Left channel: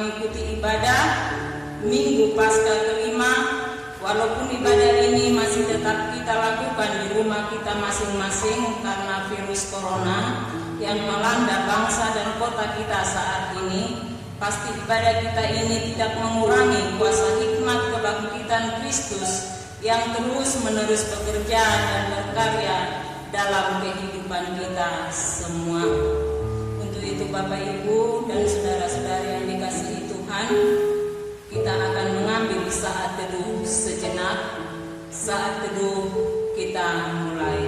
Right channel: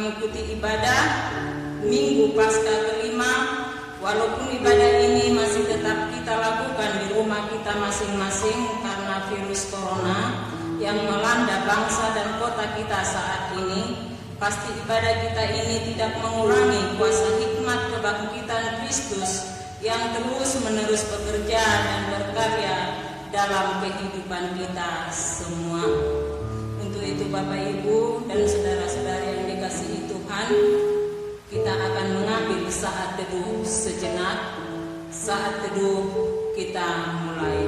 mengikuti ibadah Minggu Paskah kelima. Walaupun ibadah ini masih tetap kita lakukan di rumah kita masing-masing karena virus corona yang melanda bangsa dan kota kita saat ini, pasti ibadah kita ini tidak mengurangi kuasa hikmat kebangkitan Kristus yang terus-menerus bekerja dan berkarya dalam kehidupan kita semua. Untuk itu Bapak Ibu dan saudara-saudara yang dikasihi Tuhan, kita akan mengambil saat teduh sejenak. Saat teduh kita mulai.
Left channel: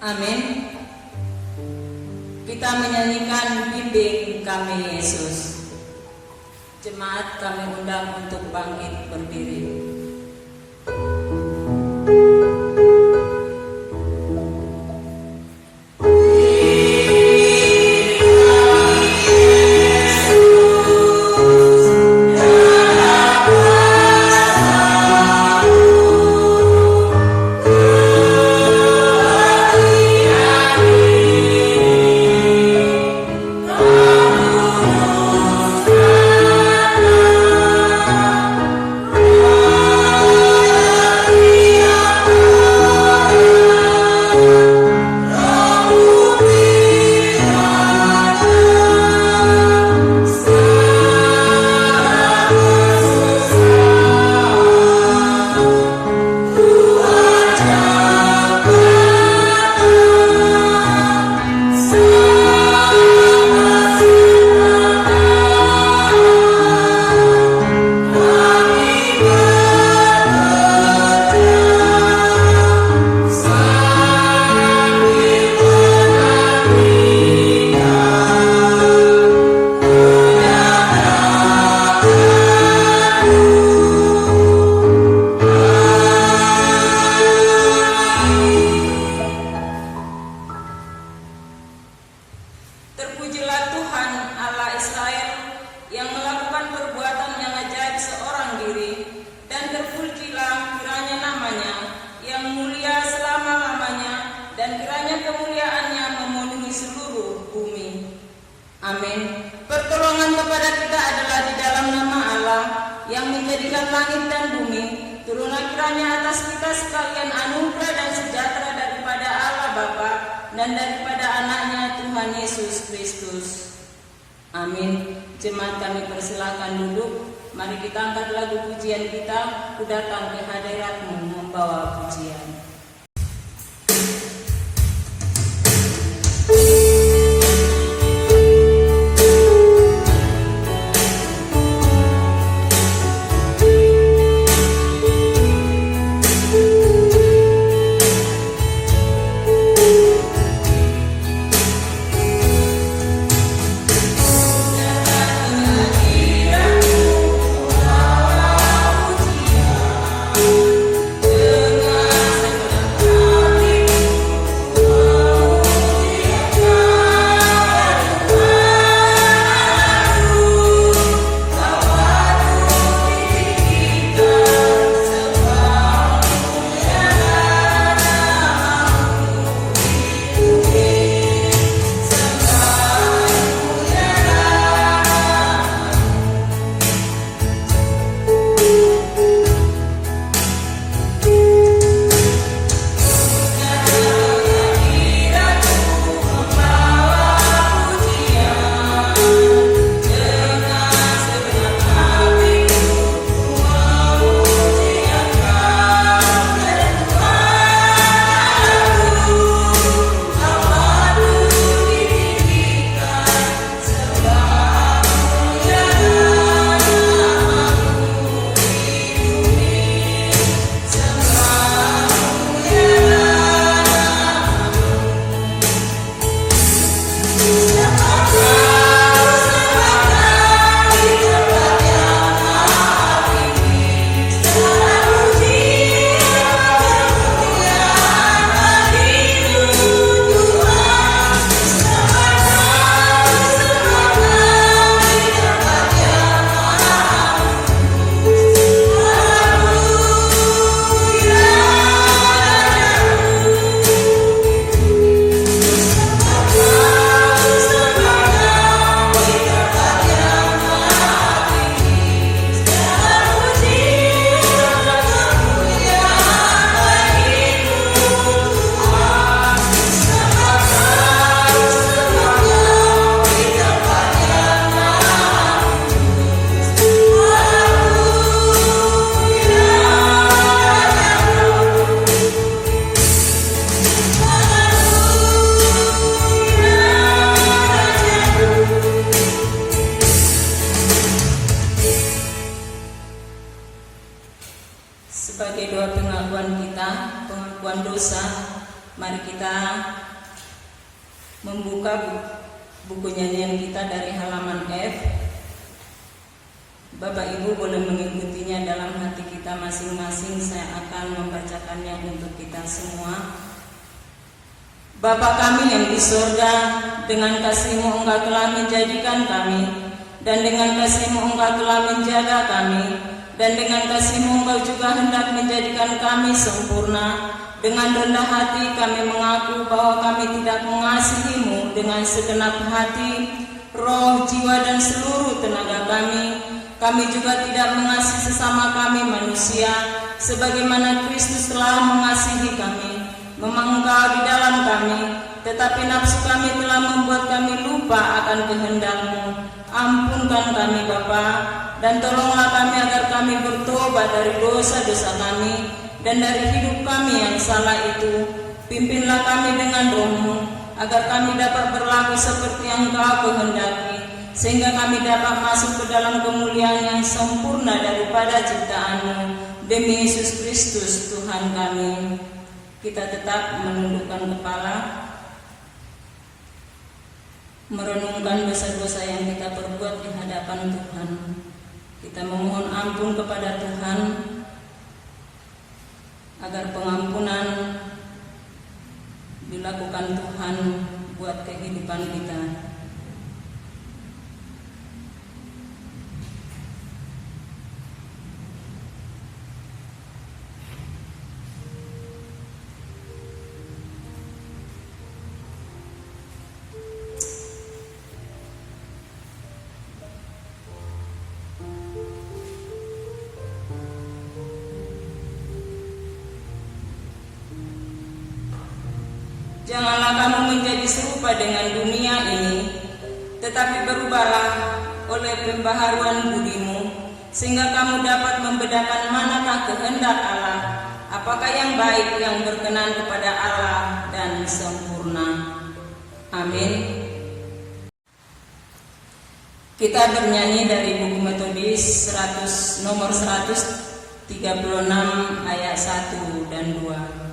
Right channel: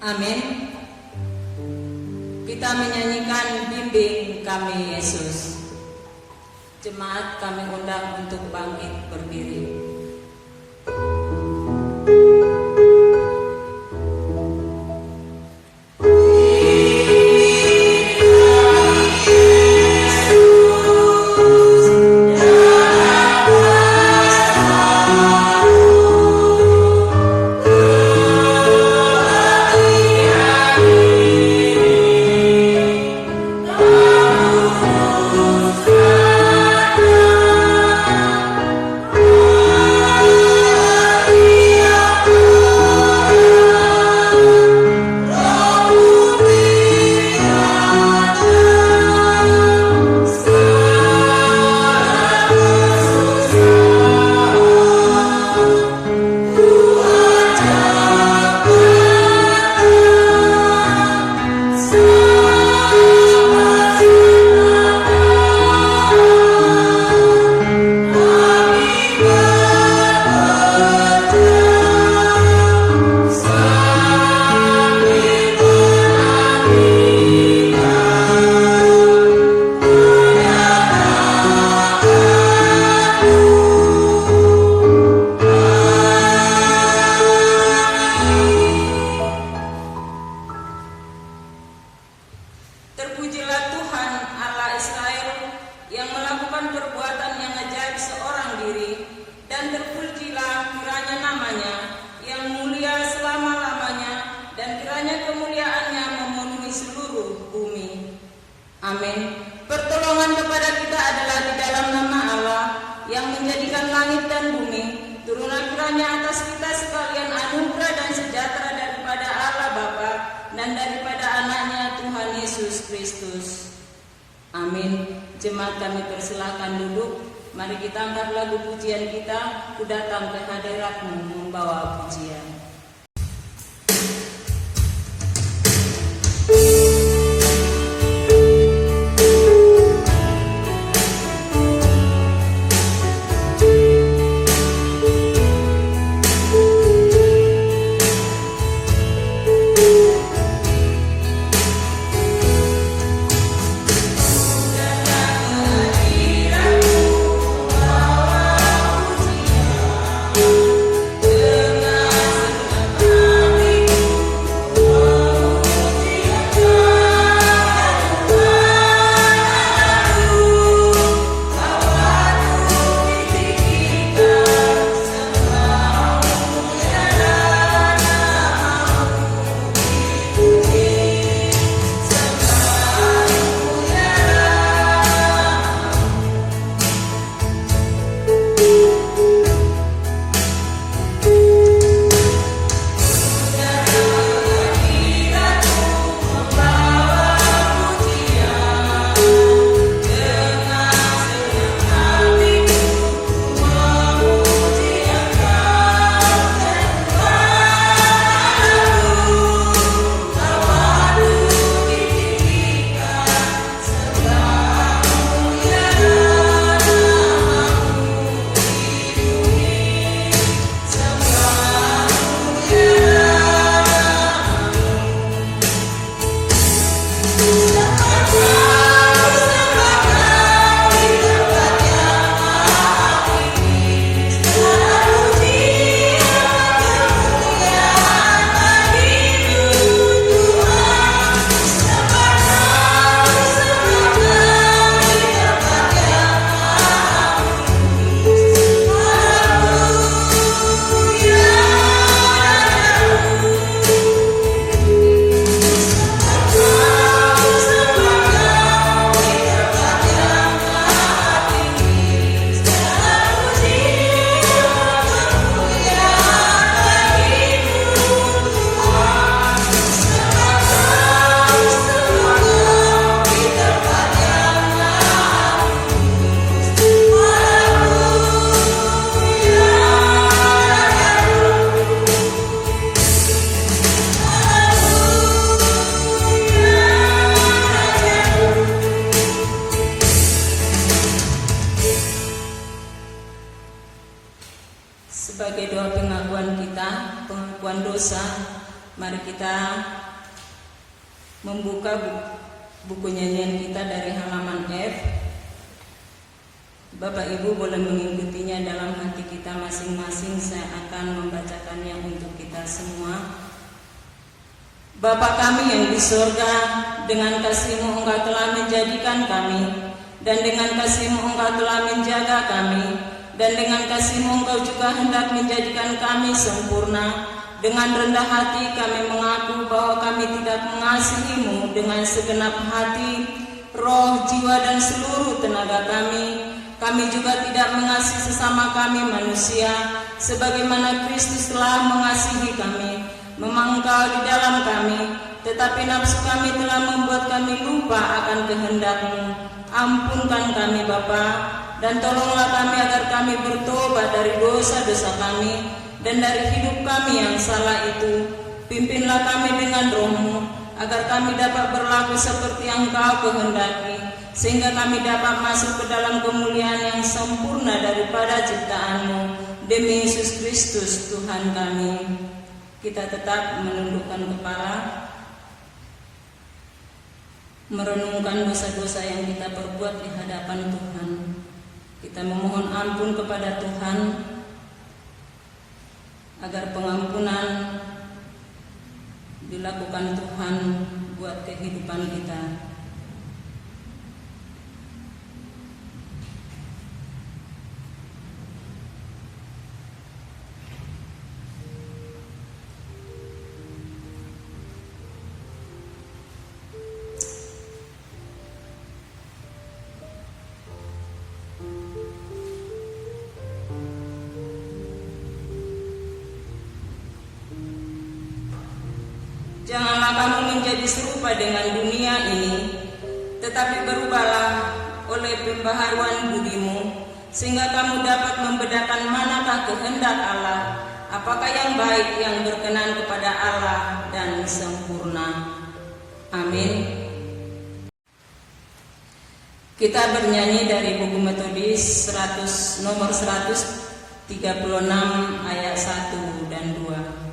Amin. Kita menyanyikan Bimbing Kami Yesus. Jemaat kami undang untuk bangkit berdiri. Jemaat kami persilakan duduk. Mari kita angkat lagu pujian kita, Ku Datang ke Hadirat-Mu membawa pujian. Dengan sebagai doa pengakuan kita, pengakuan dosa, mari kita membuka buku nyanyian kita dari halaman F. Bapak Ibu boleh mengikutinya dalam hati kita masing-masing. Saya akan membacakannya untuk kita semua. Bapa kami yang di surga, dengan kasih-Mu Engkau telah menjadikan kami, dan dengan kasih-Mu Engkau telah menjaga kami, dan dengan kasih-Mu Engkau juga hendak menjadikan kami sempurna. Dengan rendah hati kami mengaku bahwa kami tidak mengasihi-Mu dengan segenap hati, roh, jiwa, dan seluruh tenaga kami. Kami juga tidak mengasihi sesama kami manusia, sebagaimana Kristus telah mengasihi kami. Memang Engkau di dalam kami, tetapi nafsu kami telah membuat kami lupa akan kehendak-Mu. Ampunkan kami Bapa, dan tolonglah kami agar kami bertobat dari dosa-dosa kami dan dari hidup kami yang salah itu. Pimpinlah kami dengan Roh-Mu, agar kami dapat berlaku seperti yang Engkau kehendaki, sehingga kami dapat masuk ke dalam kemuliaan yang sempurna daripada ciptaan-Mu. Demi Yesus Kristus Tuhan kami. Kita tetap menundukkan kepala, merenungkan dosa-dosa yang kita perbuat di hadapan Tuhan. Kita memohon ampun kepada Tuhan, agar pengampunan dilakukan Tuhan buat kehidupan kita. Janganlah kamu menjadi serupa dengan dunia ini, tetapi berubahlah oleh pembaharuan budimu, sehingga kamu dapat membedakan manakah kehendak Allah, apakah yang baik, yang berkenan kepada Allah dan sempurna. Amin. Kita bernyanyi dari buku Metodis nomor 136 ayat 1 dan 2.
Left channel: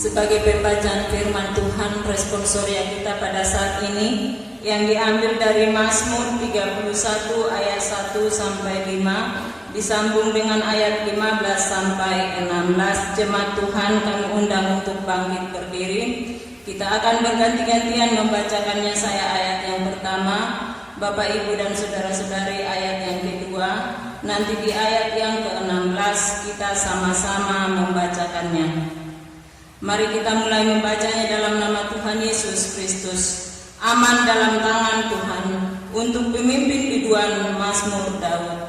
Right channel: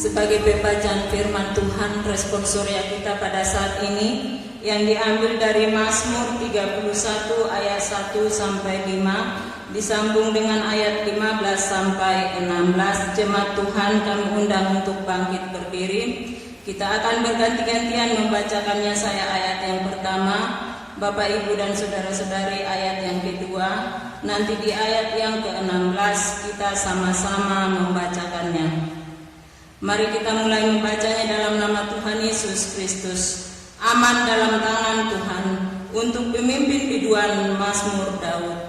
Sebagai pembacaan firman Tuhan, responsoria kita pada saat ini yang diambil dari Mazmur 31 ayat 1 sampai 5 disambung dengan ayat 15 sampai 16. Jemaat Tuhan kami undang untuk bangkit berdiri. Kita akan berganti-gantian membacakannya. Saya ayat yang pertama, Bapak, Ibu, dan saudara-saudari, ayat yang kedua. Nanti di ayat yang ke-16 kita sama-sama membacakannya. Mari kita mulai membacanya dalam nama Tuhan Yesus Kristus. Aman dalam tangan Tuhan, untuk pemimpin biduan Mazmur Daud.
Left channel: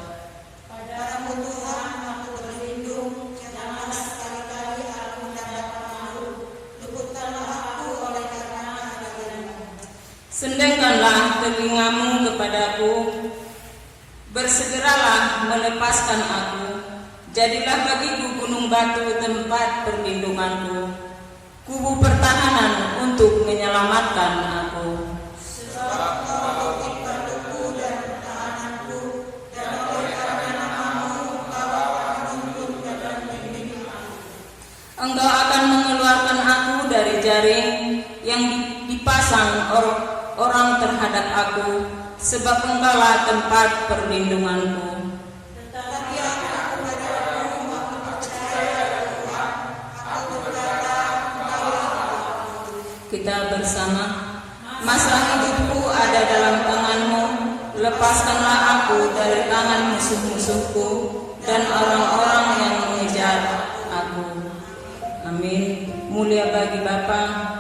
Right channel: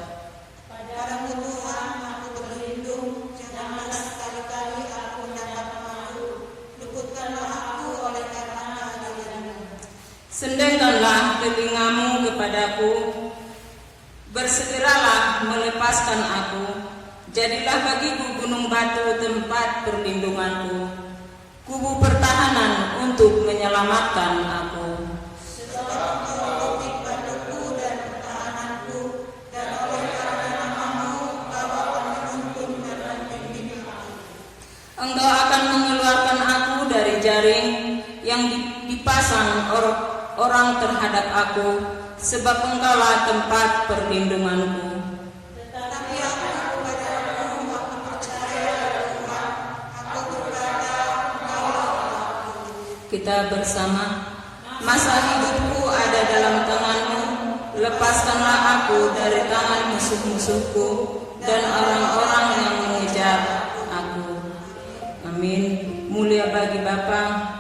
Padamu Tuhan aku berlindung, janganlah sekali-kali aku mendapat malu. Luputkanlah aku oleh karena kebaikan-Mu. Sendengkanlah telingamu kepadaku, bersegeralah melepaskan aku. Jadilah bagiku gunung batu tempat perlindunganku, kubu pertahanan untuk menyelamatkan aku. Sebab Engkau titik batuku dan pertahananku, dan oleh karena nama-Mu Engkau akan menuntun dan membimbing aku. Engkau akan mengeluarkan aku dari jaring yang dipasang orang terhadap aku, sebab Engkaulah tempat perlindunganku. Tetapi aku padamu aku percaya Tuhan, aku berkata Engkaulah Allahku. Kita bersama. Masa hidupku ada dalam tangan-Mu, lepaskanlah aku dari tangan musuh-musuhku dan orang-orang yang mengejar aku. Amin. Mulia bagi Bapa.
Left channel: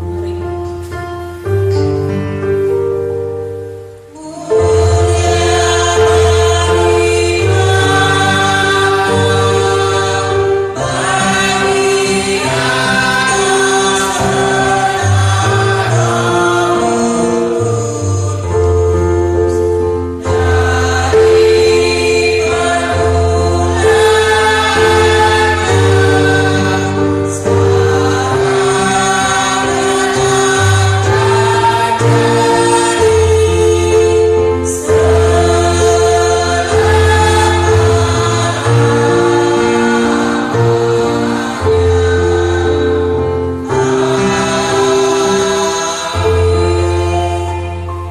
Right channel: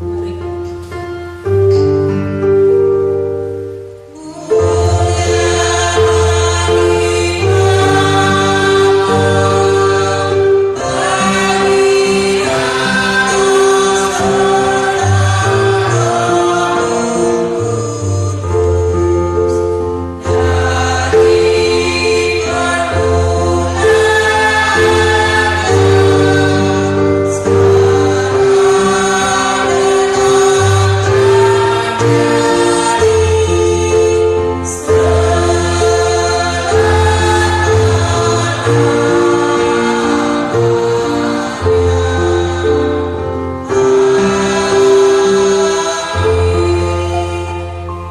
Mari.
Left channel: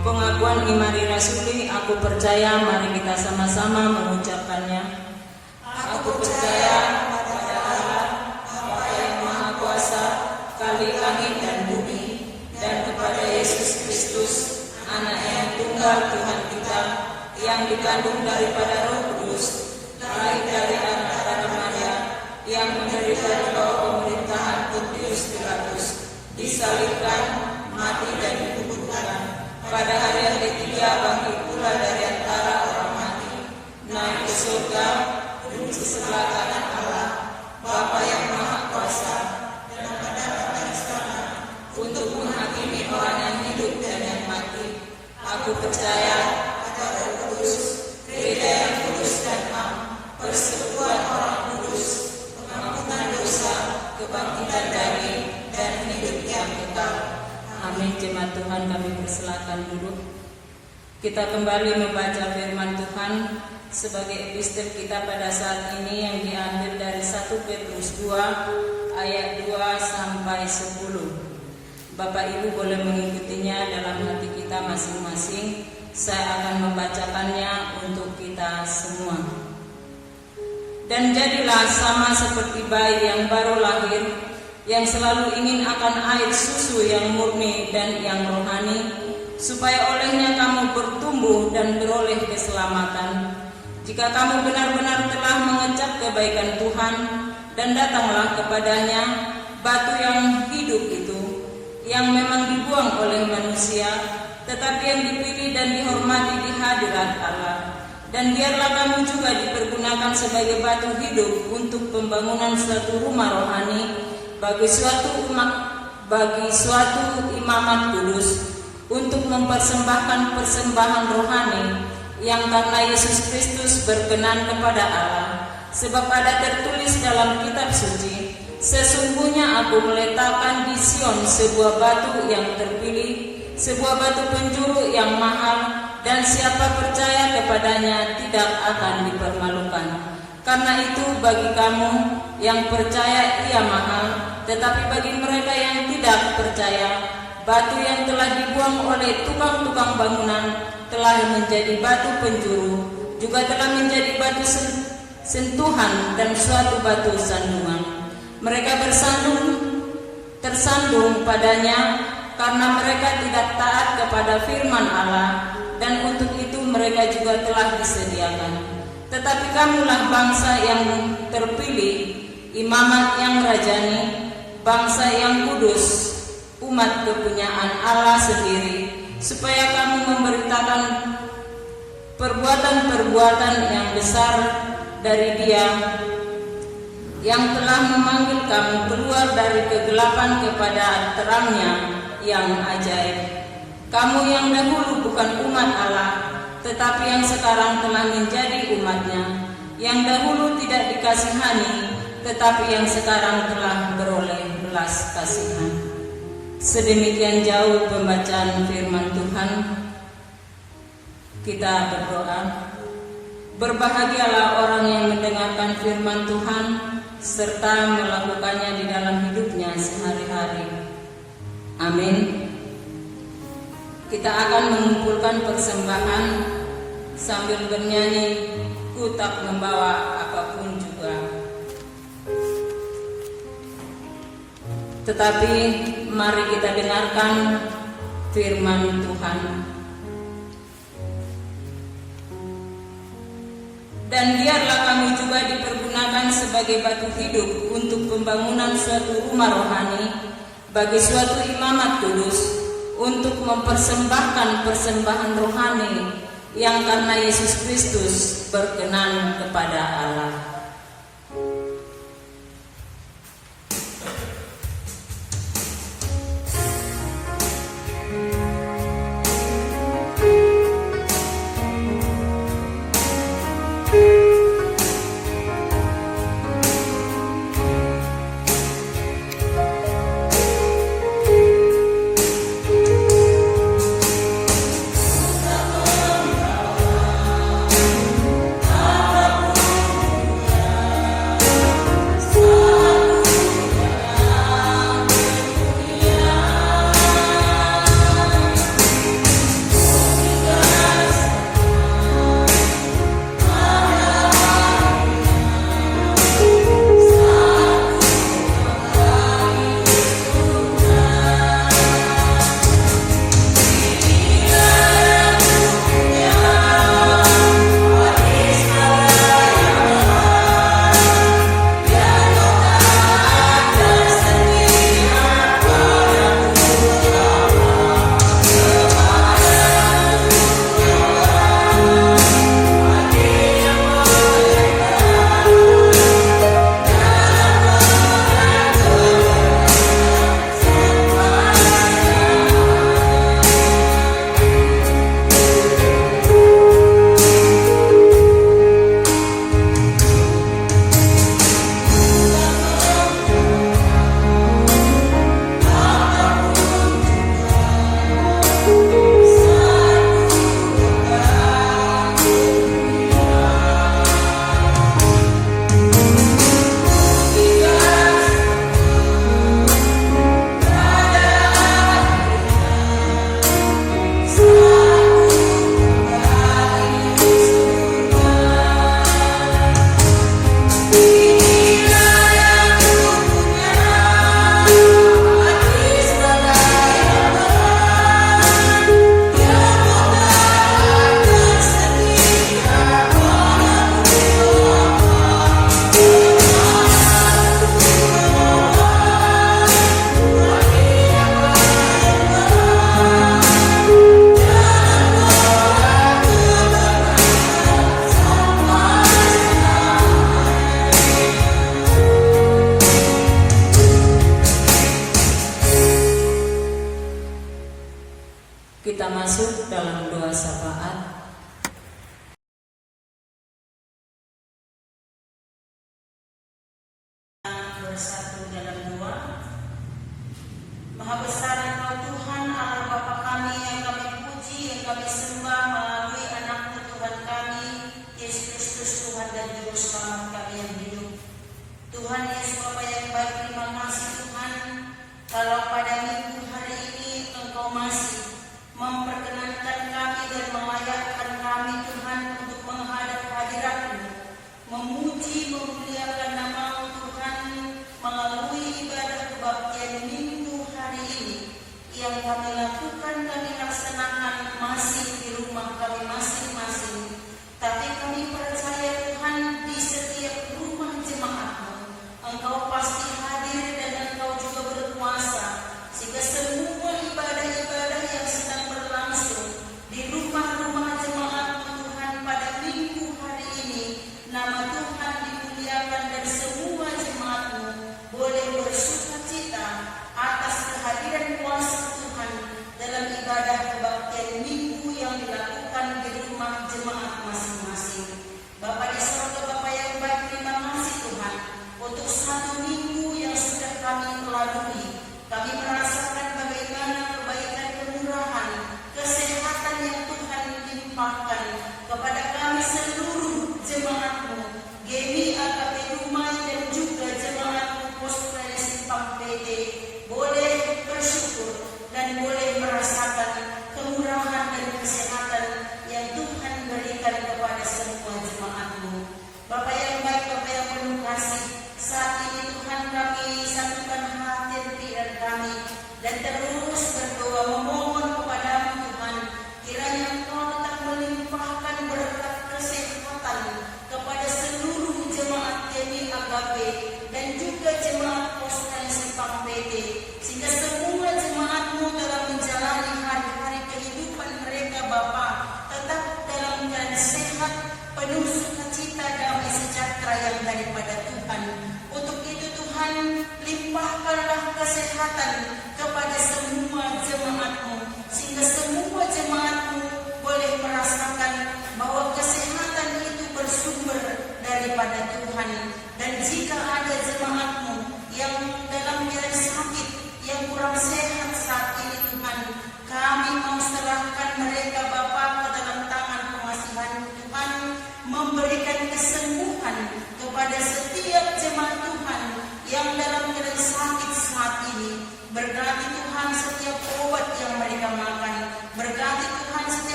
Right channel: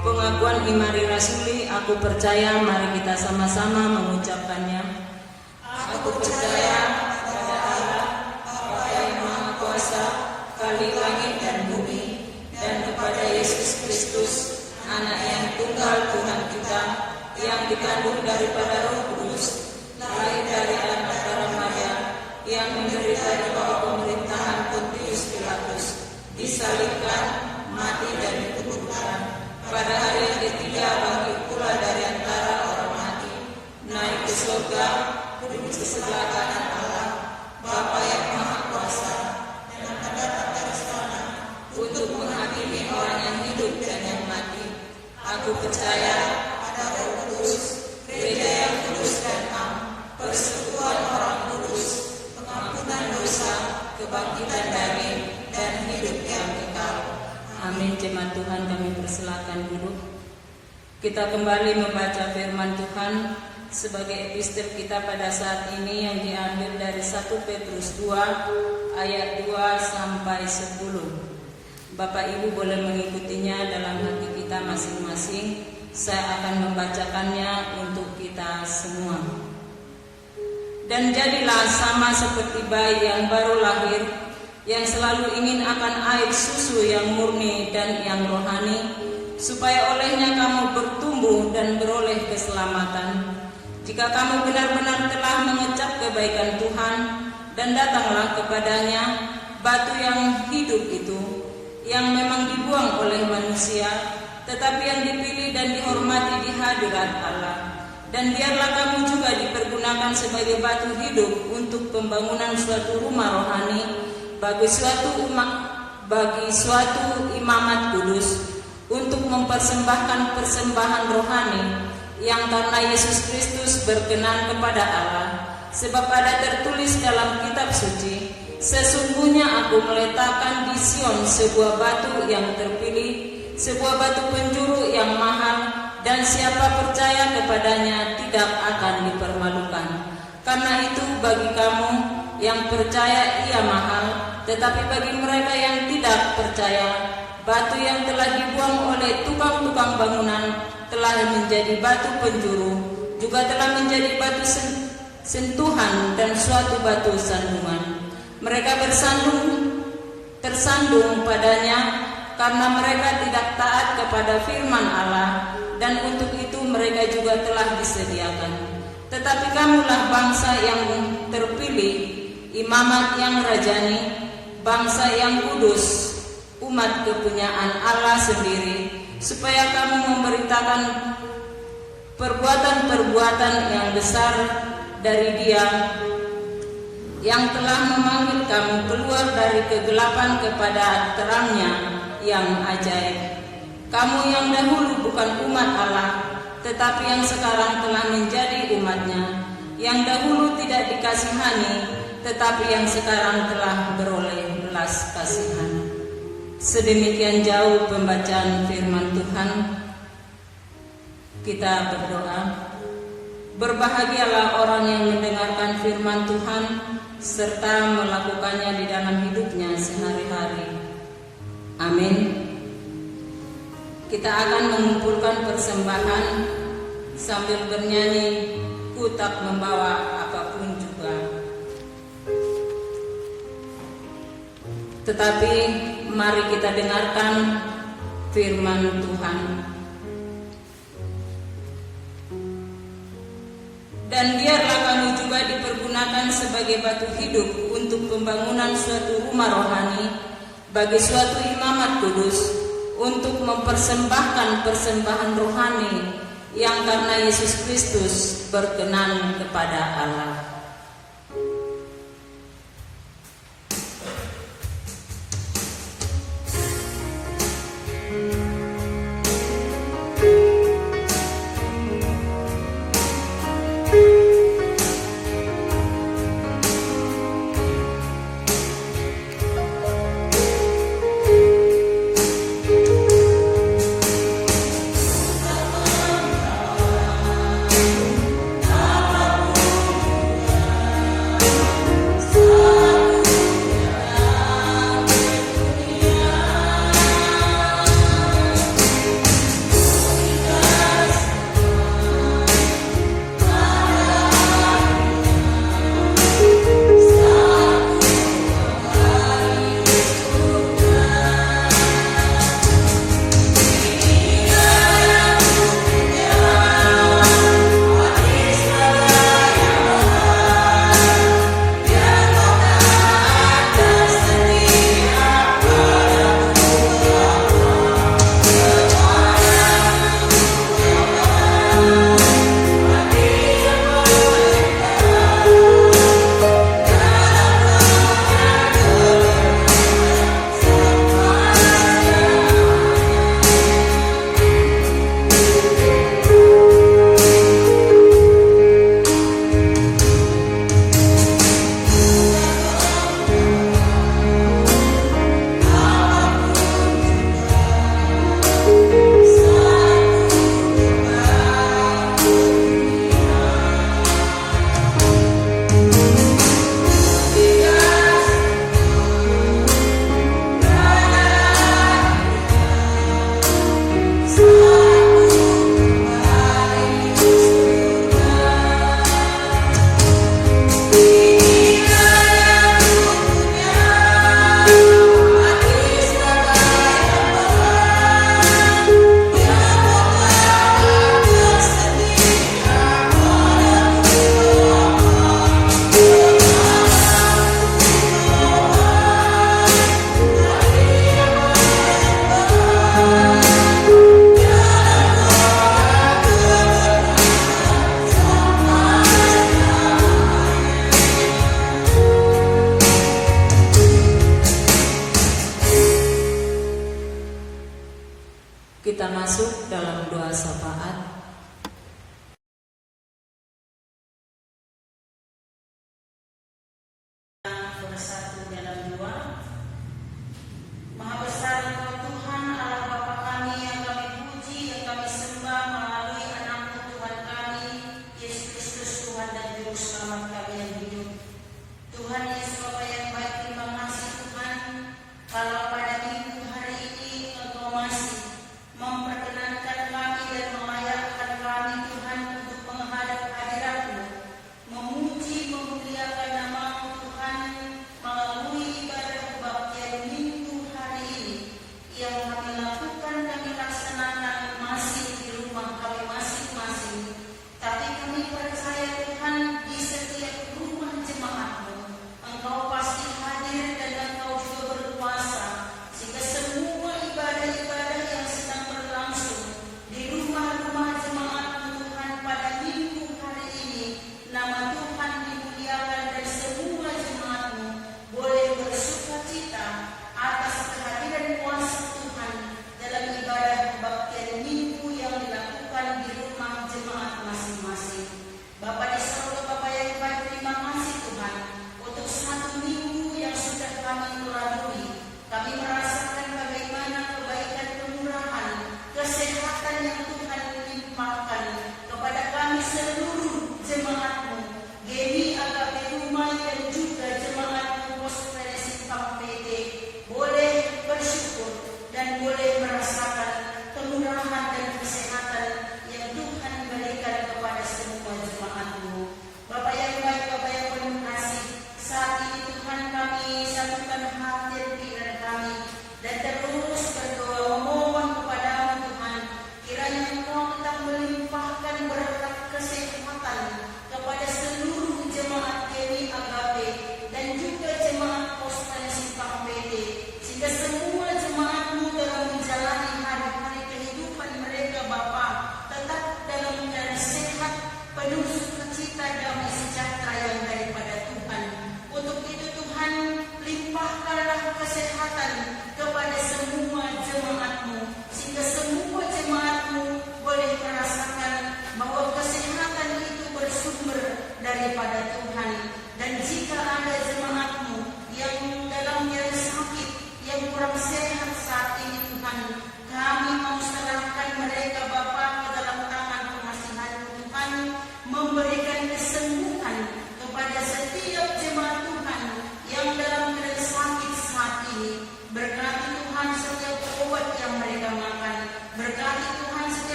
Pengakuan Imari Rasuli, aku percaya, mari kita sama-sama mengucapkannya. Aku percaya kepada Allah, Bapa yang Maha Kuasa, Kali langit dan bumi, dan kepada Yesus Kristus, Anak yang tunggal Tuhan kita, yang dikandung daripada Roh Kudus, lahir dari Bapa Maria, yang menderita di bawah pemerintahan Pontius Pilatus, disalibkan, mati dan dikuburkan. Pada hari yang ketiga bangkit pula dari antara orang mati, naik ke surga, duduk di sebelah kanan Allah, Bapa yang Maha Kuasa, dan mendapat dari sana untuk menghakimi orang yang hidup dan yang mati. Aku percaya pada Roh Kudus, gereja yang kudus dan am, persekutuan orang kudus, pengampunan dosa, kebangkitan dari dan hidup yang kekal. Amin. Jemaat Tuhan, kami persilakan duduk. Kita kembali membaca firman Tuhan sebagai epistel kita pada saat ini yang diambil dari 1 Petrus 2 ayat 2 sampai 10. Bapak Ibu boleh mengikutinya dalam hati kita masing-masing. Saya akan membacakannya untuk kita semua. Dan jadilah sama seperti bayi yang baru lahir, yang selalu ingin akan air susu yang murni dan yang rohani, supaya olehnya kamu bertumbuh dan beroleh keselamatan. Jika kamu benar-benar telah mengecap kebaikan Tuhan dan datanglah kepadanya, batu yang hidup itu, yang memang dibuang oleh manusia, tetapi yang dipilih dan dihormati di hadirat Allah. Dan biarlah kamu juga dipergunakan sebagai batu hidup untuk pembangunan suatu rumah rohani, bagi suatu imamat kudus, untuk mempersembahkan persembahan rohani yang karena Yesus Kristus berkenan kepada Allah. Sebab ada tertulis dalam kitab suci, sesungguhnya aku meletakkan di Sion sebuah batu yang terpilih, sebuah batu penjuru yang mahal, dan siapa percaya kepadanya tidak akan dipermalukan. Karena itu bagi kamu yang percaya ia mahal, tetapi bagi mereka yang tidak percaya, batu yang telah dibuang oleh tukang-tukang bangunan telah menjadi batu penjuru, juga telah menjadi batu sentuhan dan suatu batu sandungan. Mereka tersandung padanya karena mereka tidak taat kepada firman Allah, dan untuk itu mereka juga telah disediakan. Tetapi kamulah bangsa yang terpilih, imamat yang rajani, bangsa yang kudus, umat kepunyaan Allah sendiri, supaya kamu memberitakan perbuatan-perbuatan yang besar dari Dia yang telah memanggil kamu keluar dari kegelapan kepada terang-Nya yang ajaib. Kamu yang dahulu bukan umat Allah, tetapi yang sekarang telah menjadi umat-Nya, yang dahulu tidak dikasihani, tetapi yang sekarang telah beroleh belas kasihan. Sedemikian jauh pembacaan firman Tuhan. Kita berdoa. Berbahagialah orang yang mendengarkan firman Tuhan serta melakukannya di dalam hidupnya sehari-hari. Amin. Kita akan mengumpulkan persembahan sambil bernyanyi, "Ku tak membawa apapun juga." Tetapi mari kita dengarkan firman Tuhan. Dan biarlah kami juga dipergunakan sebagai batu hidup untuk pembangunan suatu rumah rohani bagi suatu imamat kudus, untuk mempersembahkan persembahan rohani yang karena Yesus Kristus berkenan kepada Allah.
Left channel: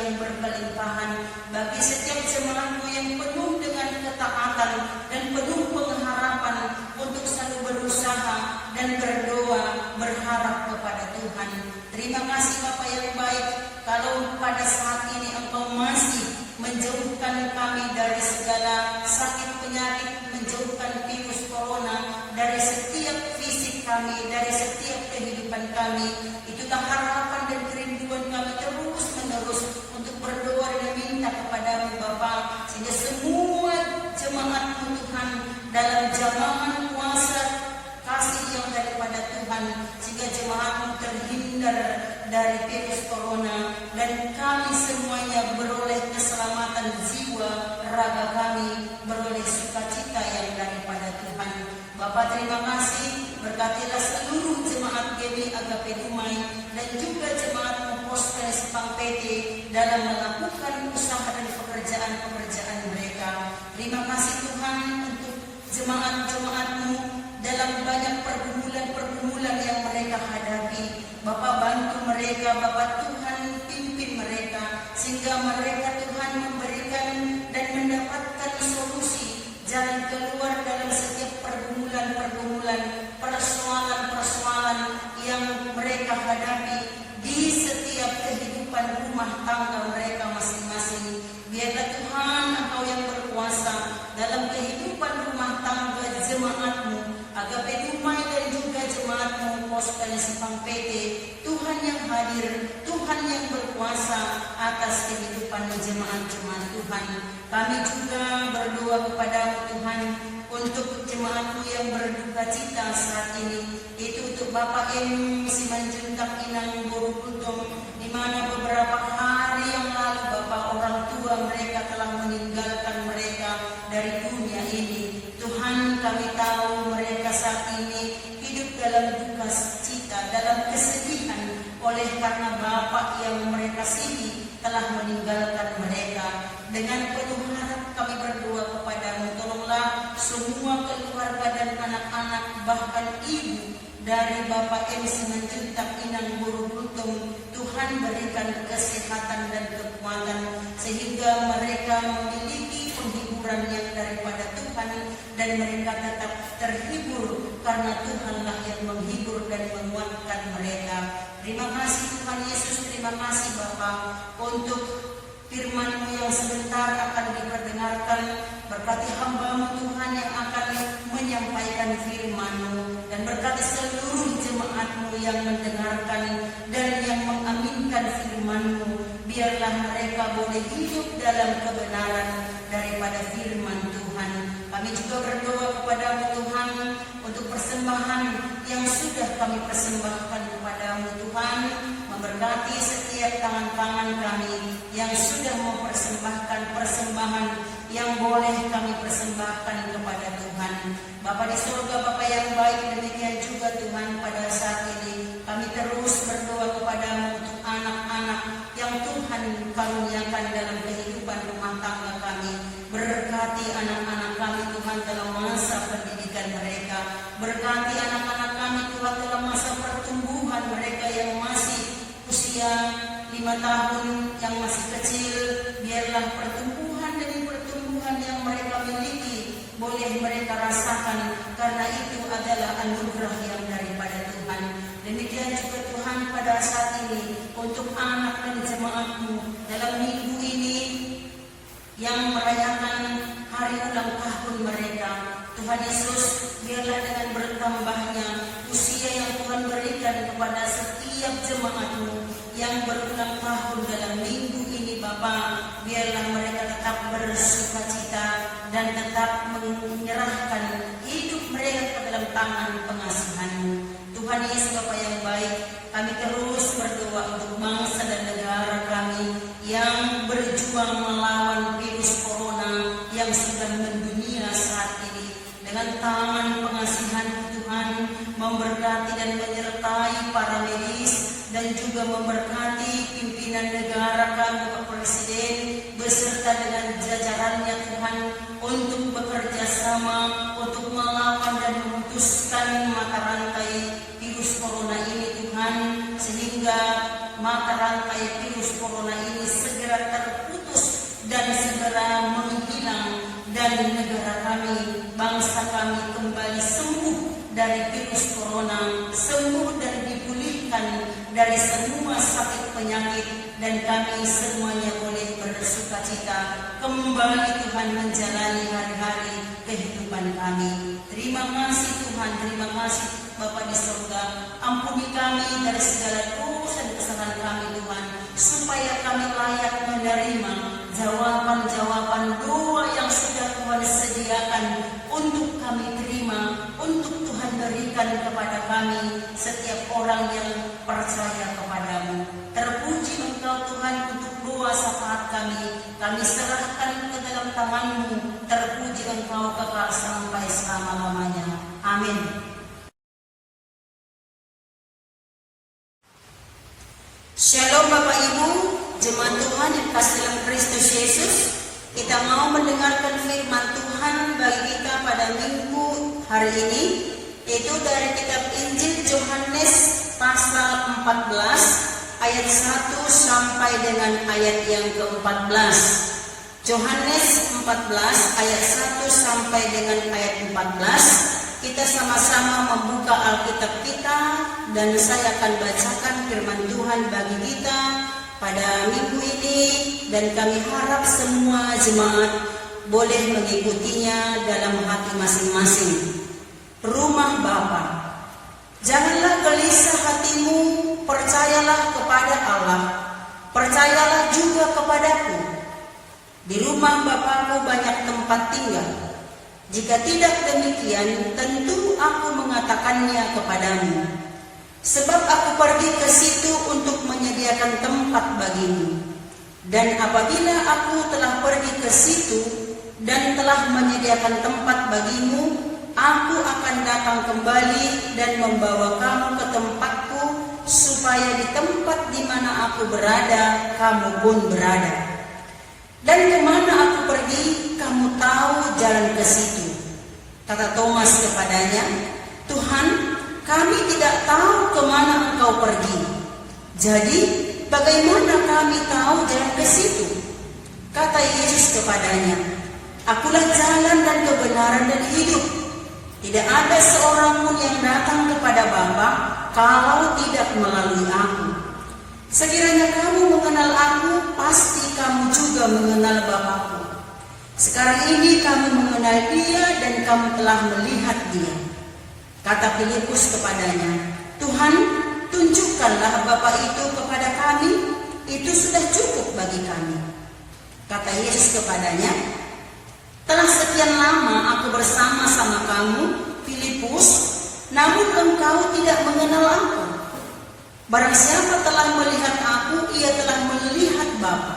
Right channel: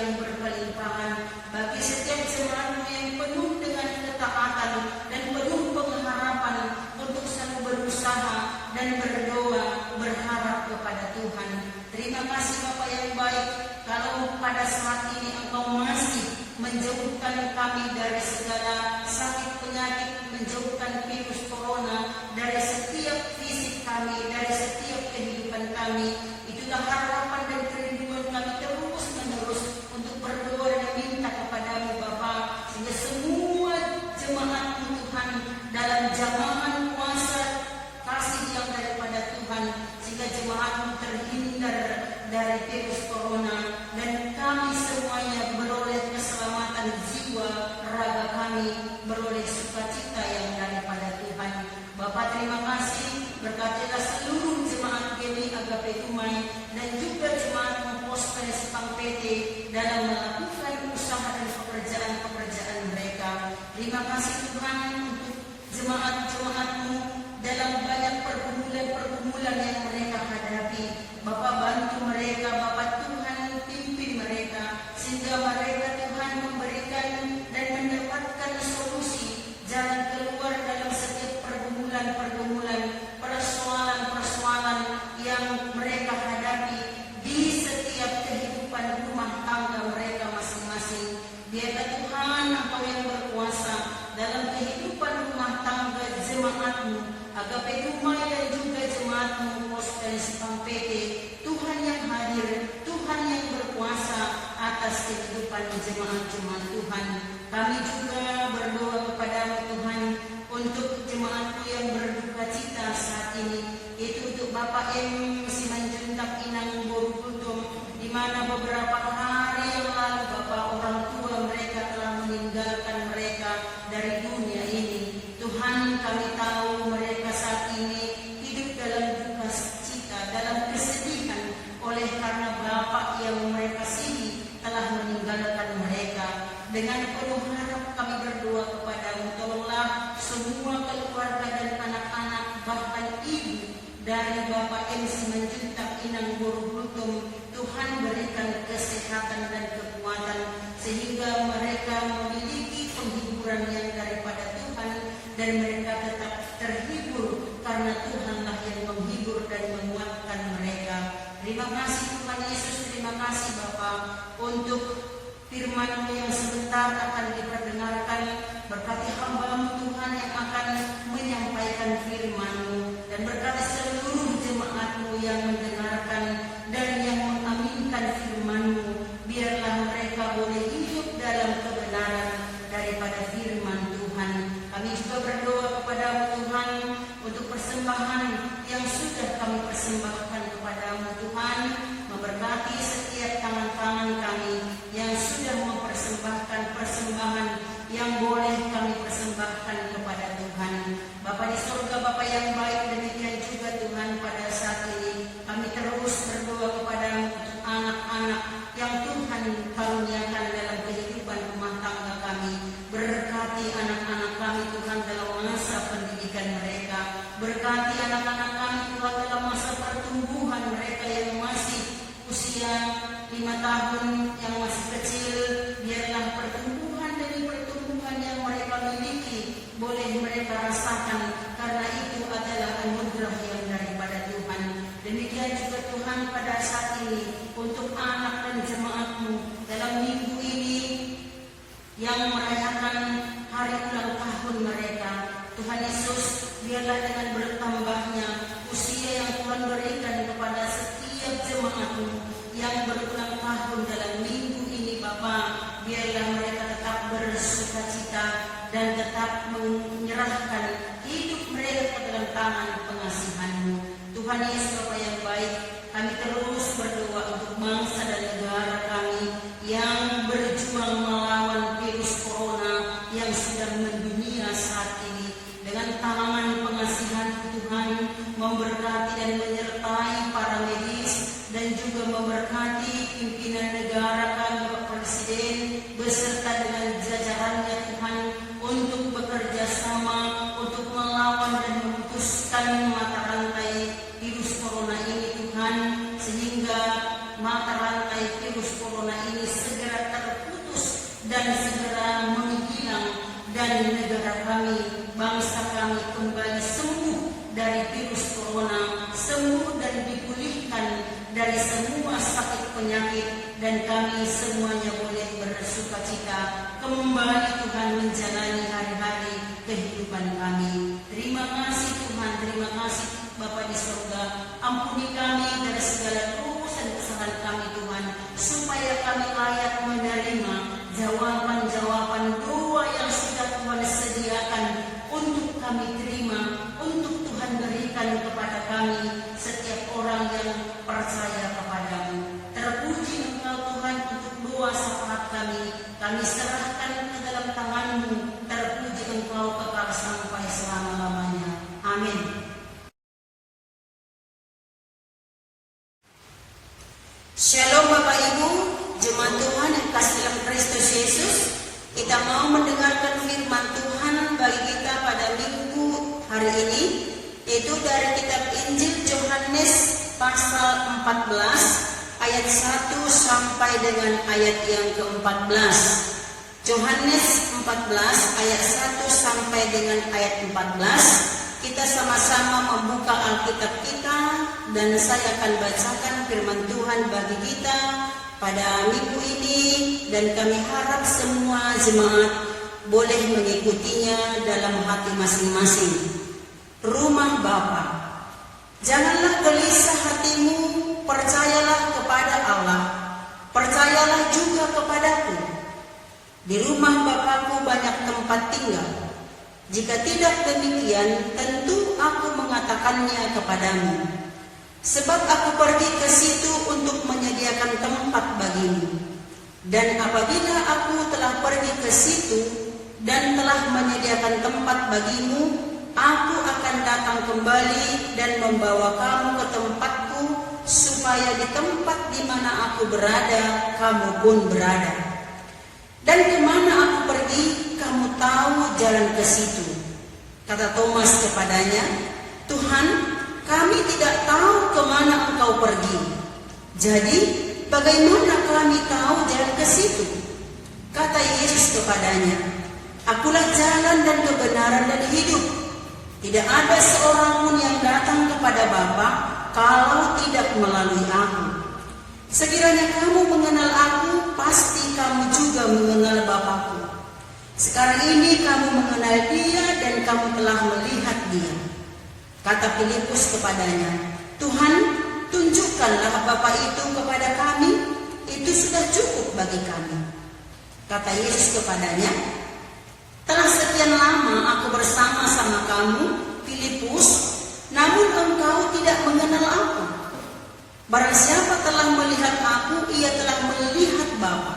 yang berkelimpahan, bagi setiap jemaatmu yang penuh dengan ketaatan dan penuh pengharapan untuk selalu berusaha dan berdoa, berharap kepada Tuhan. Terima kasih Bapa yang baik, kalau pada saat ini Engkau masih menjauhkan kami dari segala sakit penyakit, menjauhkan virus corona dari setiap fisik kami, dari setiap kehidupan kami. Itulah harapan dan kerinduan kami terus menerus untuk berdoa dan minta kepada-Mu Bapa, sehingga semua jemaat-Mu Tuhan dalam zaman kuasa kasih yang daripada Tuhan, sehingga jemaat-Mu terhindar dari virus corona, dan kami semuanya beroleh keselamatan jiwa, raga kami beroleh sukacita yang daripada Tuhan. Bapa terima kasih, berkatilah seluruh jemaat GW Agape Dumai dan juga jemaat Postre Sipang PT dalam melakukan usaha dan pekerjaan-pekerjaan mereka. Terima kasih Tuhan untuk jemaat-jemaat-Mu dalam banyak pergumulan-pergumulan yang mereka hadapi. Bapa bantu mereka, Bapa Tuhan pimpin mereka, sehingga mereka Tuhan memberikan dan mendapatkan solusi, jalan keluar dalam setiap pergumulan-pergumulan, persoalan-persoalan yang mereka hadapi di setiap kehidupan rumah tangga mereka masing-masing. Biarlah Tuhan Engkau yang berkuasa dalam kehidupan rumah tangga jemaat-Mu Agape Dumai dan juga jemaat-Mu Postre Sipang PT. Tuhan yang hadir, Tuhan yang berkuasa atas kehidupan jemaat-jemaat Tuhan. Kami juga berdoa kepada-Mu Tuhan untuk jemaat-Mu yang berduka cita saat ini, itu untuk Bapak M. Simanjuntak Inang Borukutum, di mana beberapa hari yang lalu Bapak orang tua mereka telah meninggalkan mereka dari dunia ini. Tuhan, kami tahu mereka saat ini hidup dalam duka cita, dalam kesedihan, oleh karena Bapak yang mereka kasihi telah meninggalkan mereka. Dengan penuh harap kami berdoa kepada-Mu, tolonglah semua keluarga dan anak-anak, bahkan ibu dari Bapak M. Simanjuntak Inang Borukutum. Tuhan berikan kesehatan dan kekuatan, sehingga mereka memiliki penghiburan yang daripada Tuhan, dan mereka tetap terhibur karena Tuhanlah yang menghibur dan menguatkan mereka. Terima kasih Tuhan Yesus, terima kasih Bapa untuk firman-Mu yang sebentar akan diperdengarkan. Berkati hamba-Mu Tuhan yang akan menyampaikan firman-Mu, dan berkati seluruh jemaat-Mu yang mendengarkan dan yang mengaminkan firman-Mu. Biarlah mereka boleh hidup dalam kebenaran daripada firman Tuhan. Kami juga berdoa kepada-Mu Tuhan untuk persembahan yang sudah kami persembahkan kepada-Mu Tuhan. Memberkati setiap tangan-tangan kami yang sudah mempersembahkan persembahan yang boleh kami persembahkan kepada Tuhan. Bapa di surga, Bapa yang baik, demikian juga Tuhan pada saat ini kami terus berdoa kepada-Mu untuk anak-anak yang Tuhan karuniakan dalam kehidupan rumah tangga kami. Berkati anak-anak kami Tuhan dalam masa pendidikan mereka. Berkati anak-anak kami Tuhan dalam masa pertumbuhan mereka yang masih usia 5 tahun, yang masih kecil. Biarlah pertumbuhan demi pertumbuhan yang mereka miliki boleh mereka rasakan, karena itu adalah anugerah yang daripada Tuhan. Demikian juga Tuhan pada saat ini untuk anak dan jemaat-Mu dalam minggu ini yang merayakan hari ulang tahun mereka. Tuhan Yesus, biarlah dengan bertambahnya usia yang Tuhan berikan kepada setiap jemaat-Mu yang berulang tahun dalam minggu ini Bapa, biarlah mereka tetap bersukacita dan tetap menyerahkan hidup mereka ke dalam tangan pengasihan-Mu. Tuhan Yesus Bapa yang baik, kami terus berdoa untuk bangsa dan negara kami yang berjuang melawan virus corona yang sedang mendunia saat ini. Dengan tangan pengasihan Tuhan, memberkati dan menyertai para medis, dan juga memberkati pimpinan negara kami, Bapak Presiden, beserta dengan jajarannya Tuhan, untuk bekerja sama untuk melawan dan memutuskan mata rantai virus corona ini Tuhan, sehingga mata rantai virus corona ini segera dari semua sakit penyakit, dan kami semuanya boleh bersukacita kembali Tuhan menjalani hari-hari kehidupan kami. Terima kasih Tuhan, terima kasih Bapa di surga. Ampuni kami dari segala dosa dan kesalahan kami Tuhan, supaya kami layak menerima jawaban-jawaban doa yang sudah Tuhan sediakan untuk kami terima, untuk Tuhan berikan kepada kami setiap orang yang percaya kepadamu. Terpuji Engkau Tuhan untuk doa syafaat kami serahkan ke dalam tangan-Mu. Terpuji Engkau kekal sampai selama-lamanya. Amin. Shalom Bapak Ibu, jemaat Tuhan yang kasih dalam Kristus Yesus. Kita mau mendengarkan firman Tuhan bagi kita pada minggu hari ini, yaitu dari kitab Injil Yohanes pasal 14 ayat 1 sampai dengan ayat yang ke-14. Yohanes 14 ayat 1 sampai dengan ayat 14. Kita sama-sama membuka Alkitab kita dan saya akan bacakan firman Tuhan bagi kita pada minggu ini, dan kami harap semua jemaat boleh mengikutinya dalam hati masing-masing. Rumah Bapa. Janganlah gelisah hatimu, percayalah kepada Allah, percayalah juga kepadaku. Di rumah Bapakku banyak tempat tinggal. Jika tidak demikian, tentu aku mengatakannya kepadamu. Sebab aku pergi ke situ untuk menyediakan tempat bagimu. Dan apabila aku telah pergi ke situ dan telah menyediakan tempat bagimu, aku akan datang kembali dan membawa kamu ke tempatku, supaya di tempat di mana aku berada, kamu pun berada. Dan kemana aku pergi, kamu tahu jalan ke situ. Kata Thomas kepadanya, Tuhan, kami tidak tahu kemana Engkau pergi. Jadi, bagaimana kami tahu jalan ke situ? Kata Yesus kepadanya, Akulah jalan dan kebenaran dan hidup. Tidak ada seorang pun yang datang kepada Bapa kalau tidak melalui aku. Sekiranya kamu mengenal aku, pasti kamu juga mengenal Bapakku. Sekarang ini kamu mengenal Dia dan kamu telah melihat Dia. Kata Filipus kepadanya, Tuhan, tunjukkanlah Bapa itu kepada kami, itu sudah cukup bagi kami. Kata Yesus kepadanya, telah sekian lama aku bersama-sama kamu, Filipus, namun engkau tidak mengenal aku. Barang siapa telah melihat aku, ia telah melihat Bapa.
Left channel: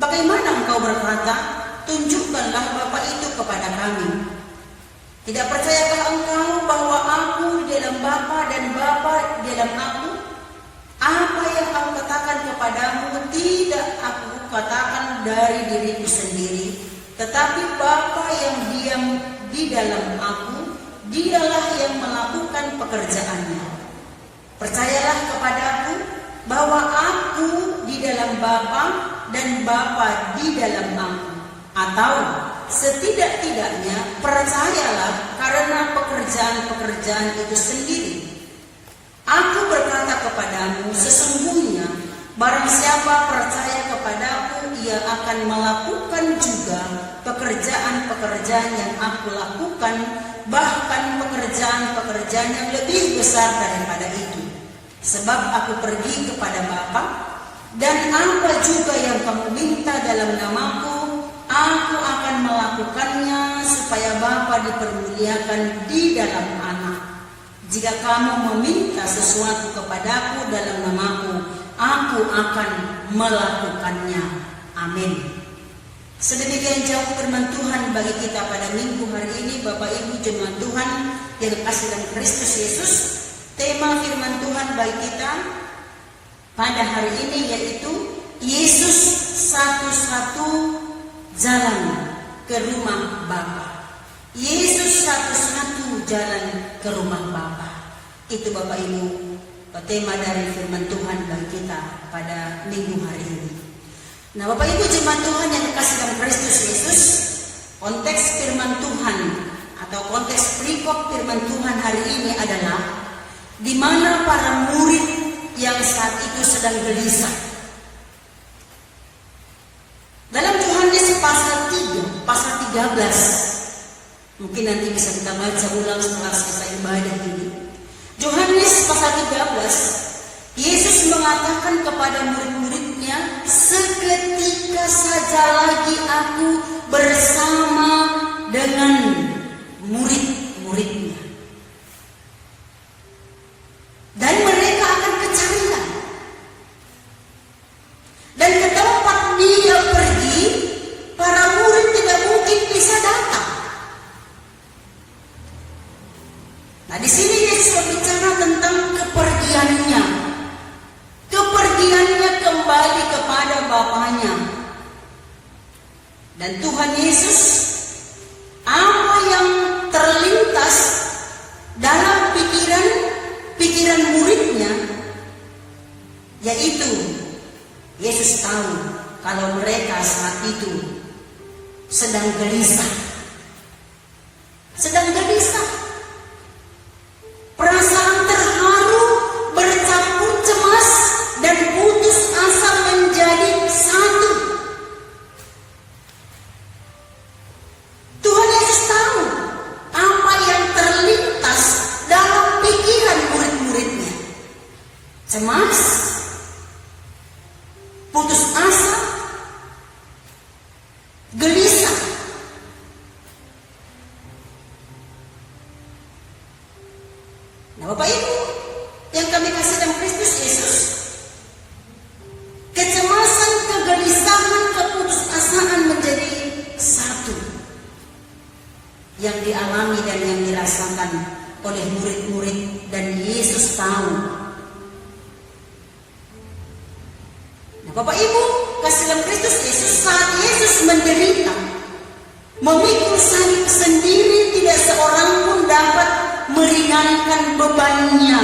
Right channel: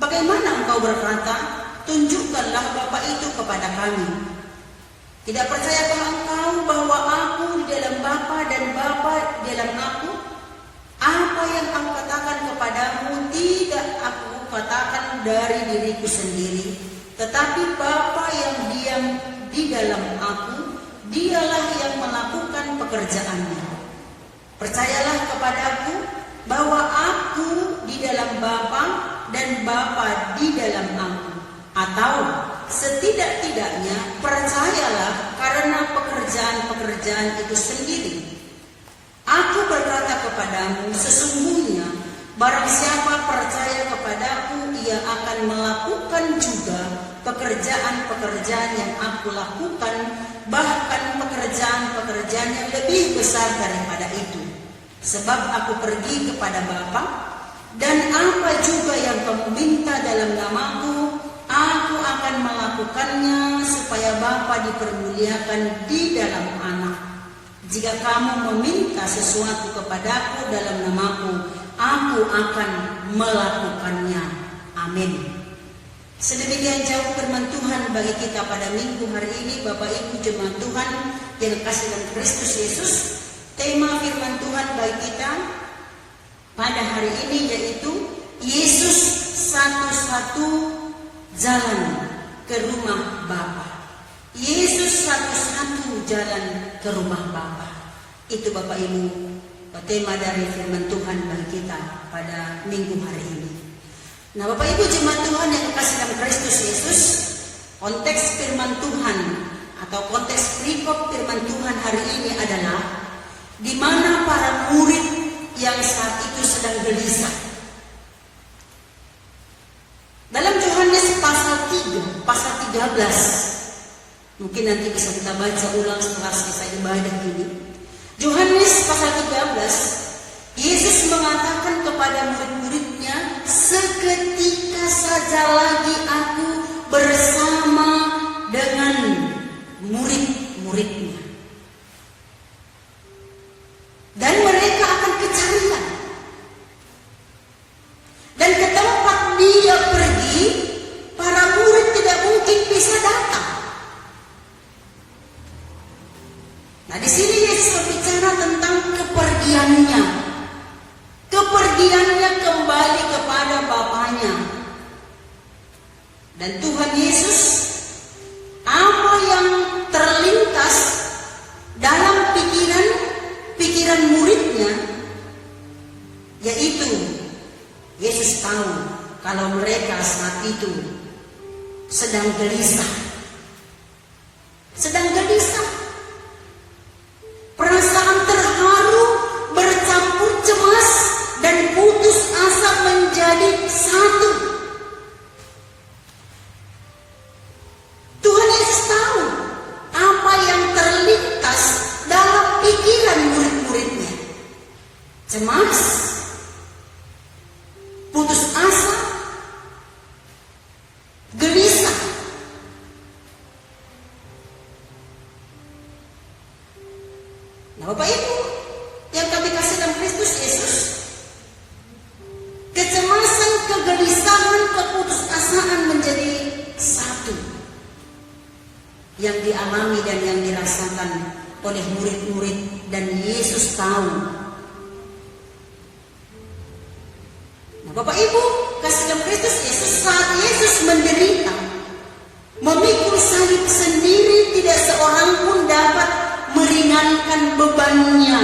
Bagaimana engkau berkata, tunjukkanlah Bapa itu kepada kami? Tidak percayakah engkau bahwa aku di dalam Bapa dan Bapa di dalam aku? Apa yang aku katakan kepadamu tidak aku katakan dari diriku sendiri, tetapi Bapa yang diam di dalam aku, Dialah yang melakukan pekerjaannya. Percayalah kepadaku bahwa aku di dalam Bapa dan Bapa di dalam aku. Atau setidak-tidaknya percayalah karena pekerjaan-pekerjaan itu sendiri. Aku berkata kepadamu, sesungguhnya barang siapa percaya kepadaku, ia akan melakukan juga pekerjaan-pekerjaan yang aku lakukan, bahkan pekerjaan-pekerjaan yang lebih besar daripada itu. Sebab aku pergi kepada Bapa, dan apa juga yang kamu minta dalam namaku, aku akan melakukannya, supaya Bapa dipermuliakan di dalam Anak. Jika kamu meminta sesuatu kepadaku dalam namaku, aku akan melakukannya. Amin. Sedemikian jauh firman Tuhan bagi kita pada minggu hari ini, Bapak Ibu jemaat Tuhan yang kasih dalam Kristus Yesus. Tema firman Tuhan bagi kita pada hari ini yaitu Yesus satu-satu jalan ke rumah Bapa. Yesus satu-satu jalan ke rumah Bapa. Itu Bapak Ibu tema dari firman Tuhan bagi kita pada minggu hari ini. Nah, Bapak Ibu jemaat Tuhan yang kasih dalam Kristus Yesus, konteks firman Tuhan atau konteks perikop firman Tuhan hari ini adalah di mana para murid yang sedang gelisah. Dalam Yohanes pasal 3, pasal 13, mungkin nanti bisa kita baca ulang setelah kita ibadah ini. Yohanes pasal 13, Yesus mengatakan kepada murid-muridnya, seketika saja lagi aku bersama dengan murid-muridnya. Dan mereka akan kecarian. Dan ke tempat dia pergi, para murid tidak mungkin bisa datang. Nah, di sini Yesus berbicara tentang kepergiannya. Kepergiannya kembali kepada Bapanya. Dan Tuhan Yesus, apa yang terlintas dalam pikiran muridnya, yaitu Yesus tahu kalau mereka saat itu sedang gelisah. Perasaan terharu bercampur cemas dan putus asa menjadi satu. Tuhan Yesus tahu apa yang terlintas dalam pikiran murid-muridnya. Cemas, putus asa, gelisah. Nah, Bapak Ibu yang kami kasih dalam Kristus Yesus, kecemasan, kegelisahan, keputusasaan menjadi satu yang dialami dan yang dirasakan oleh murid-murid, dan Yesus tahu. Nah, Bapak Ibu kasih dalam Kristus Yesus, saat Yesus menderita, memikul salib sendiri, tidak seorang pun dapat meringankan bebannya.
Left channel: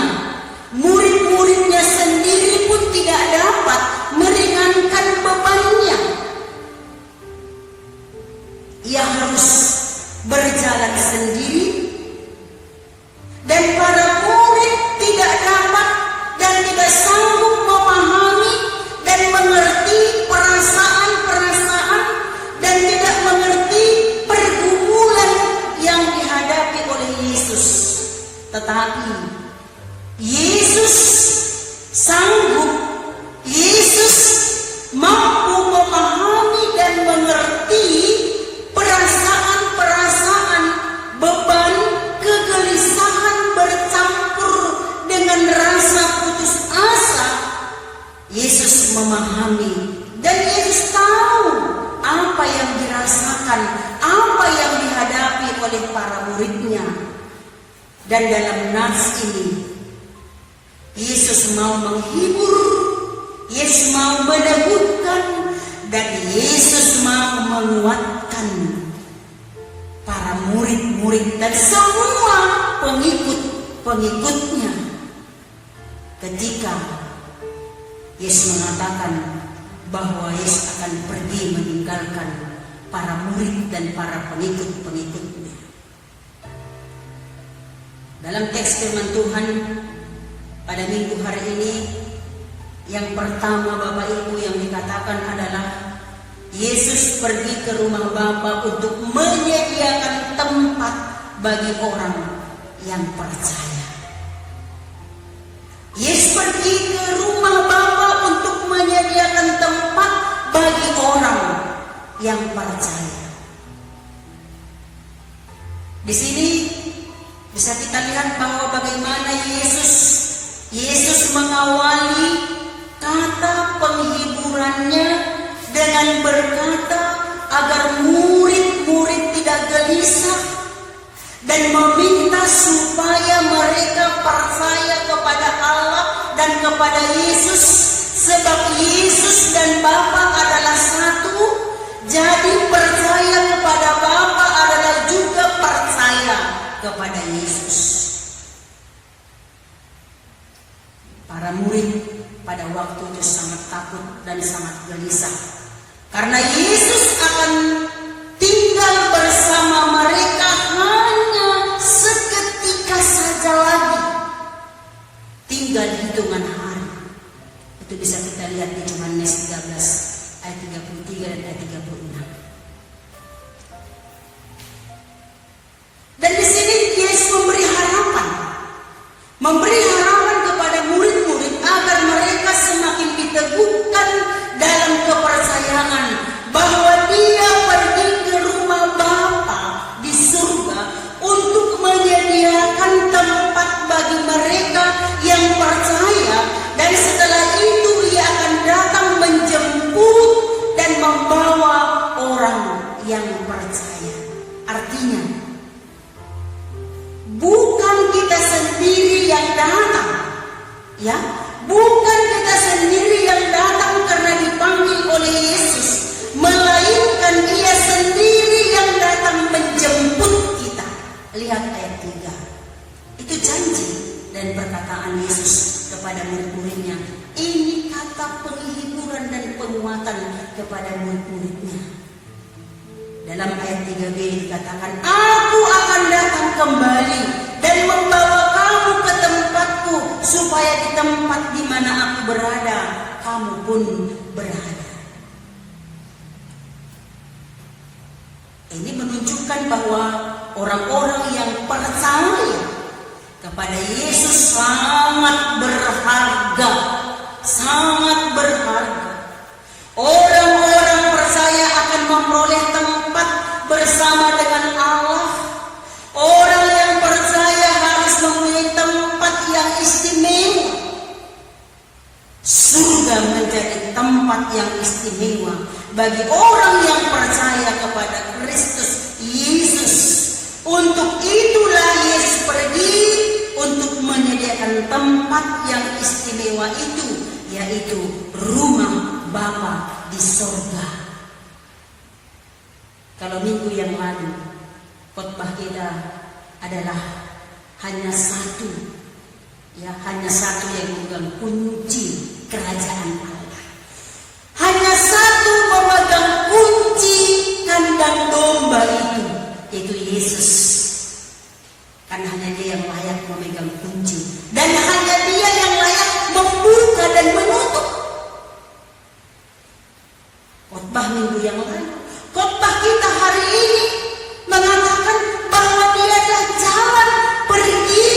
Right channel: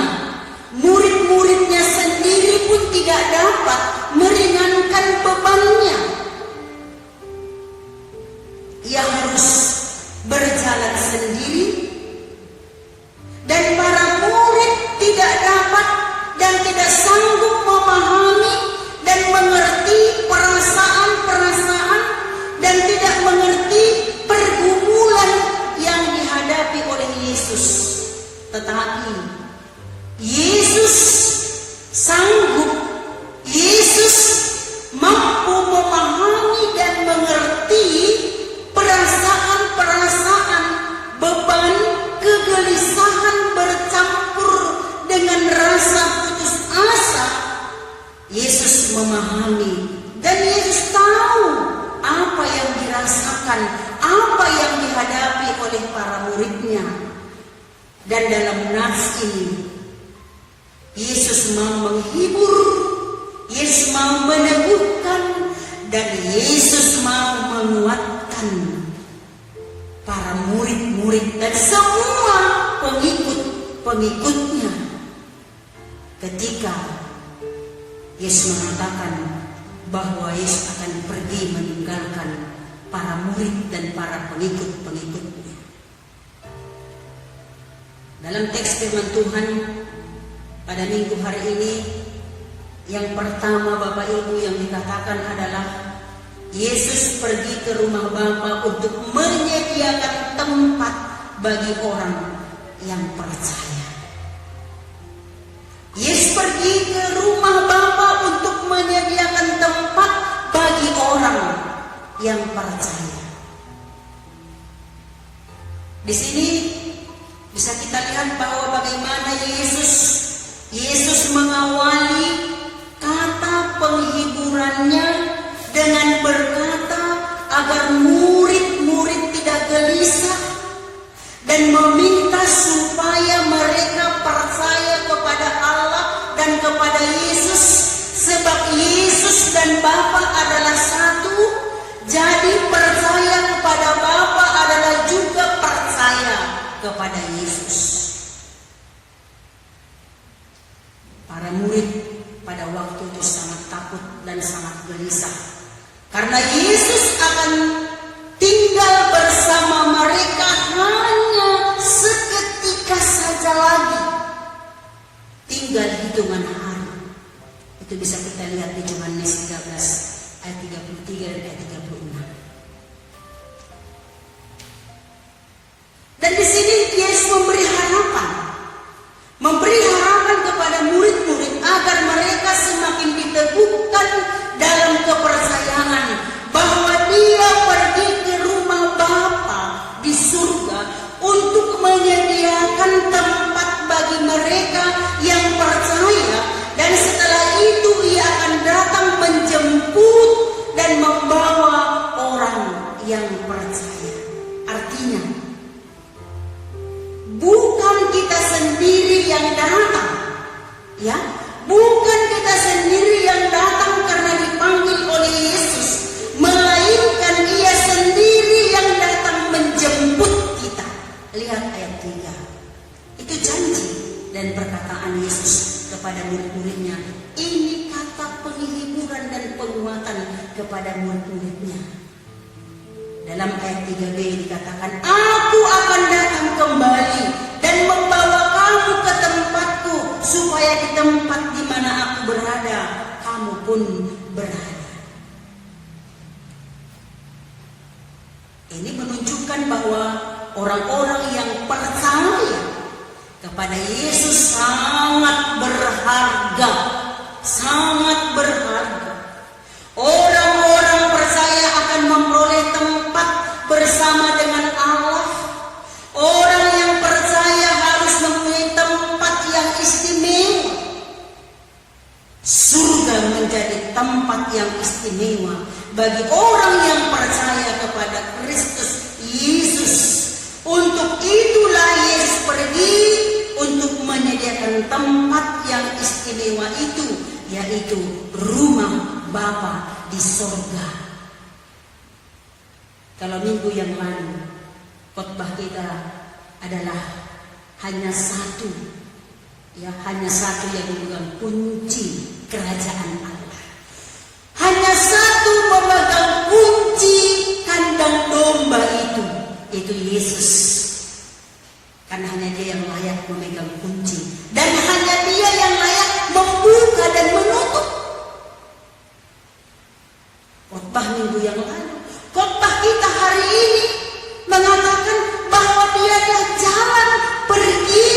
Murid-muridnya sendiri pun tidak dapat meringankan bebannya. Ia harus berjalan sendiri, dan para murid tidak dapat dan tidak sanggup memahami dan mengerti perasaan-perasaan dan tidak mengerti pergumulan yang dihadapi oleh Yesus. Tetapi Yesus sanggup, Yesus mampu memahami dan mengerti perasaan-perasaan, beban, kegelisahan bercampur dengan rasa putus asa. Yesus memahami dan Yesus tahu apa yang dirasakan, apa yang dihadapi oleh para muridnya. Dan dalam nas ini, Yesus mau menghibur, Yesus mau meneguhkan, dan Yesus mau menguatkan para murid-murid dan semua pengikut-pengikutnya. Ketika Yesus mengatakan bahwa Yesus akan pergi meninggalkan para murid dan para pengikut-pengikutnya. Dalam teks firman Tuhan pada minggu hari ini, yang pertama Bapak Ibu yang dikatakan adalah Yesus pergi ke rumah Bapa untuk menyediakan tempat bagi orang yang percaya. Yesus pergi ke rumah Bapa untuk menyediakan tempat bagi orang yang percaya. Di sini bisa kita lihat bahwa bagaimana Yesus mengawali kata penghiburannya dengan berkata agar murid-murid tidak gelisah dan meminta supaya mereka percaya kepada Allah dan kepada Yesus, sebab Yesus dan Bapa adalah satu. Jadi percaya kepada Bapa adalah juga percaya kepada Yesus. Para murid pada waktu itu sangat takut dan sangat gelisah, karena Yesus akan tinggal bersama mereka hanya seketika saja lagi, tinggal hitungan hari. Itu bisa kita lihat di Yohanes 13 ayat 33 dan ayat 36. Dan di sini Yesus memberi harapan kepada murid-murid agar mereka semakin diteguhkan dalam kepercayaan bahwa Dia pergi ke rumah Bapa di surga untuk menyediakan tempat bagi mereka yang percaya, dan setelah itu Ia akan datang menjemput dan membawa orang yang percaya. Artinya, bukan kita sendiri yang datang, ya, bukan kita sendiri yang datang karena dipanggil oleh Yesus, melainkan Dia sendiri yang datang menjemput kita. Lihat ayat 3. Itu janji dan perkataan Yesus kepada murid-muridnya. Ini kata penghiburan dan penguatan kepada murid-muridnya. Dalam ayat 3b dikatakan, Aku akan datang kembali dan membawa kamu ke tempatku, supaya di tempat di mana aku berada, kamu pun berada. Ini menunjukkan bahwa orang-orang yang percaya kepada Yesus sangat berharga, sangat berharga. Orang-orang percaya akan memperoleh tempat bersama dengan Allah. Orang yang percaya harus mempunyai tempat yang istimewa. Surga menjadi tempat yang istimewa bagi orang yang percaya kepada Kristus Yesus. Untuk itulah Yesus pergi untuk menyediakan tempat yang istimewa itu, yaitu rumah Bapa di surga. Kalau minggu yang lalu khotbah kita adalah hanya satu, ya, hanya satu yang memegang kunci kerajaan Allah. Hanya satu memegang kunci kandang domba itu, yaitu Yesus. Karena hanya Dia yang layak memegang kunci, dan hanya Dia yang layak membuka dan menutup. Khotbah minggu yang lalu, khotbah kita hari ini mengatakan bahwa Dia jalan pergi,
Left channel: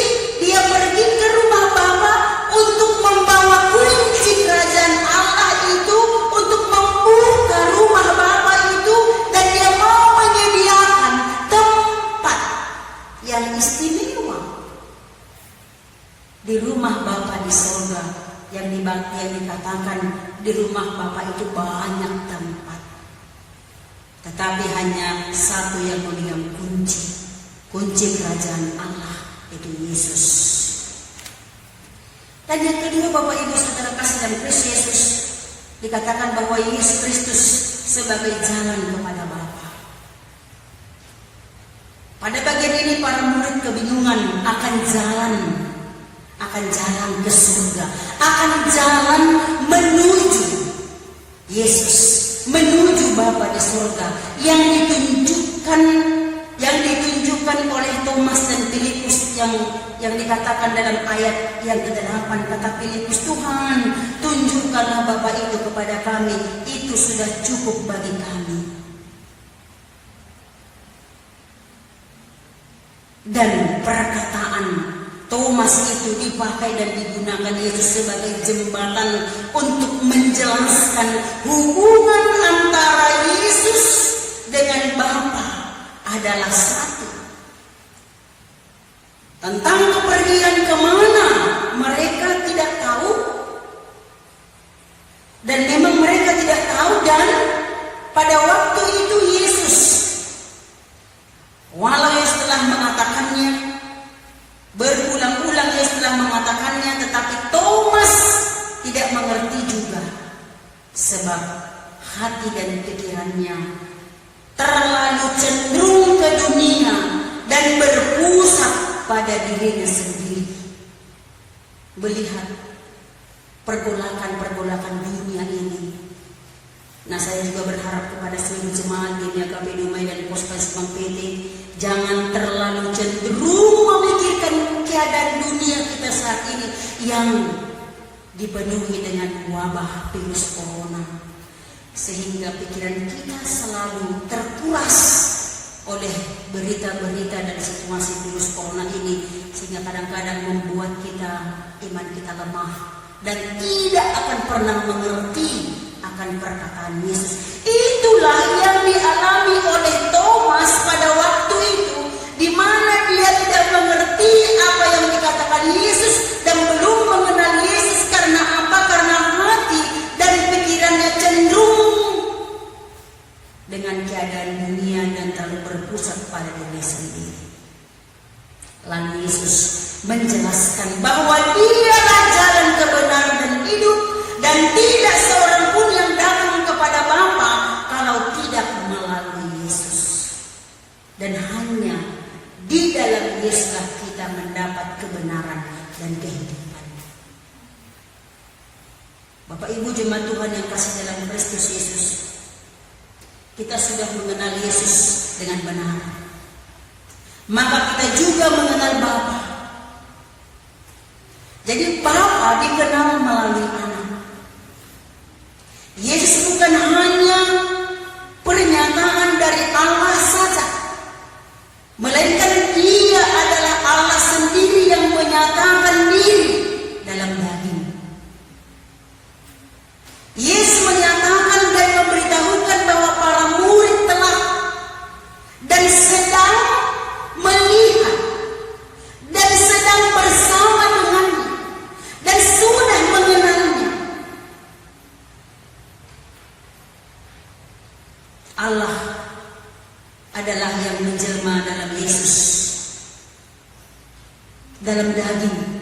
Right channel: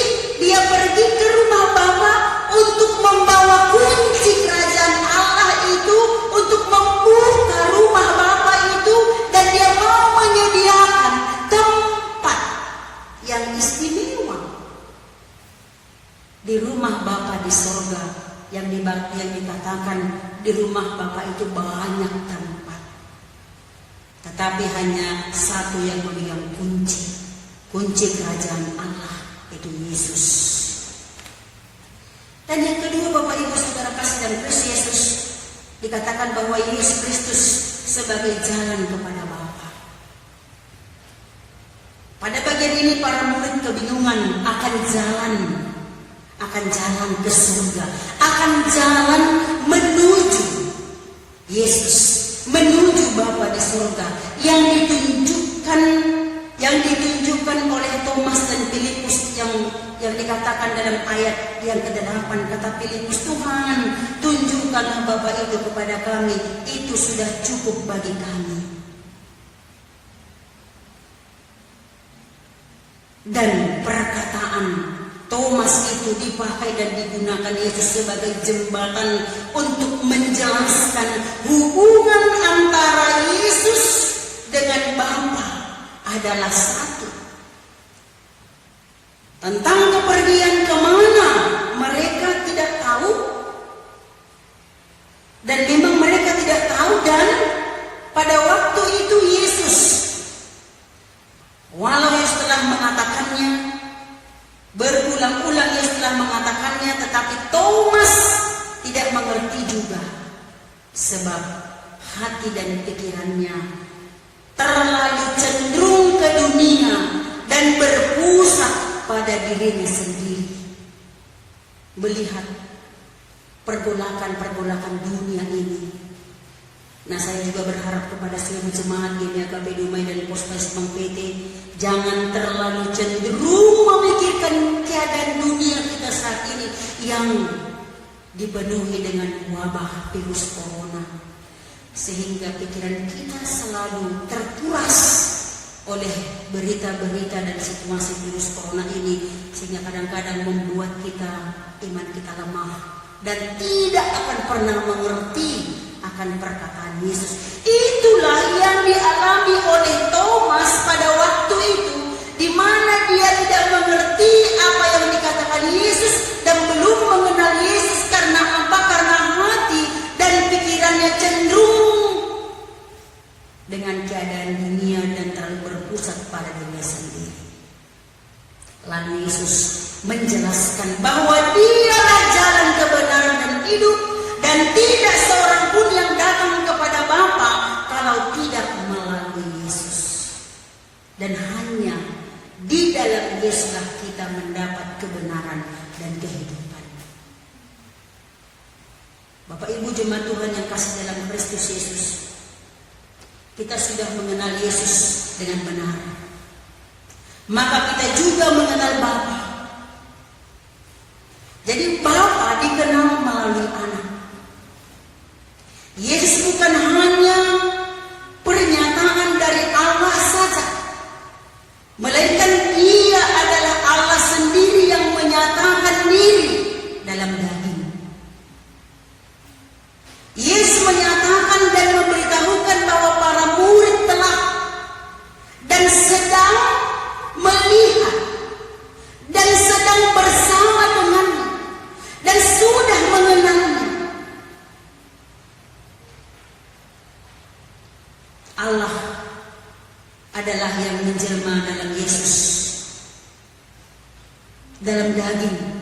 Dia pergi ke rumah Bapa untuk membawa kunci kerajaan Allah itu, untuk membuka rumah Bapa itu, dan Dia mau menyediakan tempat yang istimewa di rumah Bapa di surga. Yang dikatakan di rumah Bapa itu banyak tempat, tetapi hanya satu yang memegang kunci kerajaan Allah, itu Yesus. Dan yang kedua, Bapak Ibu Saudara kasih dan Kristus Yesus, dikatakan bahwa Yesus Kristus sebagai jalan kepada Bapa. Pada bagian ini para murid kebingungan akan jalan ke surga, akan jalan menuju Yesus, menuju Bapa di surga, yang ditunjukkan oleh Thomas dan Filipus, yang dikatakan dalam ayat yang ke-8, kata Filipus, Tuhan, tunjukkanlah Bapa itu kepada kami, itu sudah cukup bagi kami. Dan perkataan Thomas itu dipakai dan digunakan Yesus sebagai jembatan untuk menjelaskan hubungan antara Yesus dengan Bapa adalah satu. Tentang kepergian kemana mereka tidak tahu, dan memang mereka tidak tahu. Dan pada waktu itu Yesus, walau setelah mengatakannya, berulang-ulang Yesus telah mengatakannya, tetapi Thomas tidak mengerti juga, sebab hati dan pikirannya terlalu cenderung ke dunia dan berpusat pada dirinya sendiri, melihat pergolakan dunia ini. Nah, saya juga berharap kepada seluruh jemaat di GKP Dumai dan Pospas PT, jangan terlalu cenderung memikirkan keadaan dunia kita saat ini yang dipenuhi dengan wabah virus corona, sehingga pikiran kita selalu terkuras oleh berita-berita dan situasi virus corona ini, sehingga kadang-kadang membuat iman kita lemah dan tidak akan pernah mengerti akan perkataan Yesus. Itulah yang dialami oleh Thomas pada waktu itu, di mana dia tidak mengerti apa yang dikatakan Yesus dan belum mengenal Yesus. Karena apa? Karena hati dan pikirannya cenderung dengan keadaan dunia dan terlalu berpusat pada dirinya sendiri. Lalu Yesus menjelaskan bahwa Dialah jalan kebenaran dan hidup, dan tidak seorang pun yang datang kepada Bapa kalau tidak melalui Yesus. Dan hanya di dalam Yesuslah kita mendapat kebenaran dan kehidupan. Bapak Ibu jemaat Tuhan yang kasih dalam Kristus Yesus, kita sudah mengenal Yesus dengan benar, maka kita juga mengenal Bapa. Jadi Bapa dikenal melalui Anak. Yesus bukan hanya pernyataan dari Allah saja, melainkan Dia adalah Allah sendiri yang menyatakan diri dalam daging. Yesus menyatakan dan memberitahukan bahwa para murid telah dan sedang melihat dan sedang bersama dengannya dan sudah mengenalnya. Allah adalah yang menjelma dalam Yesus, dalam daging.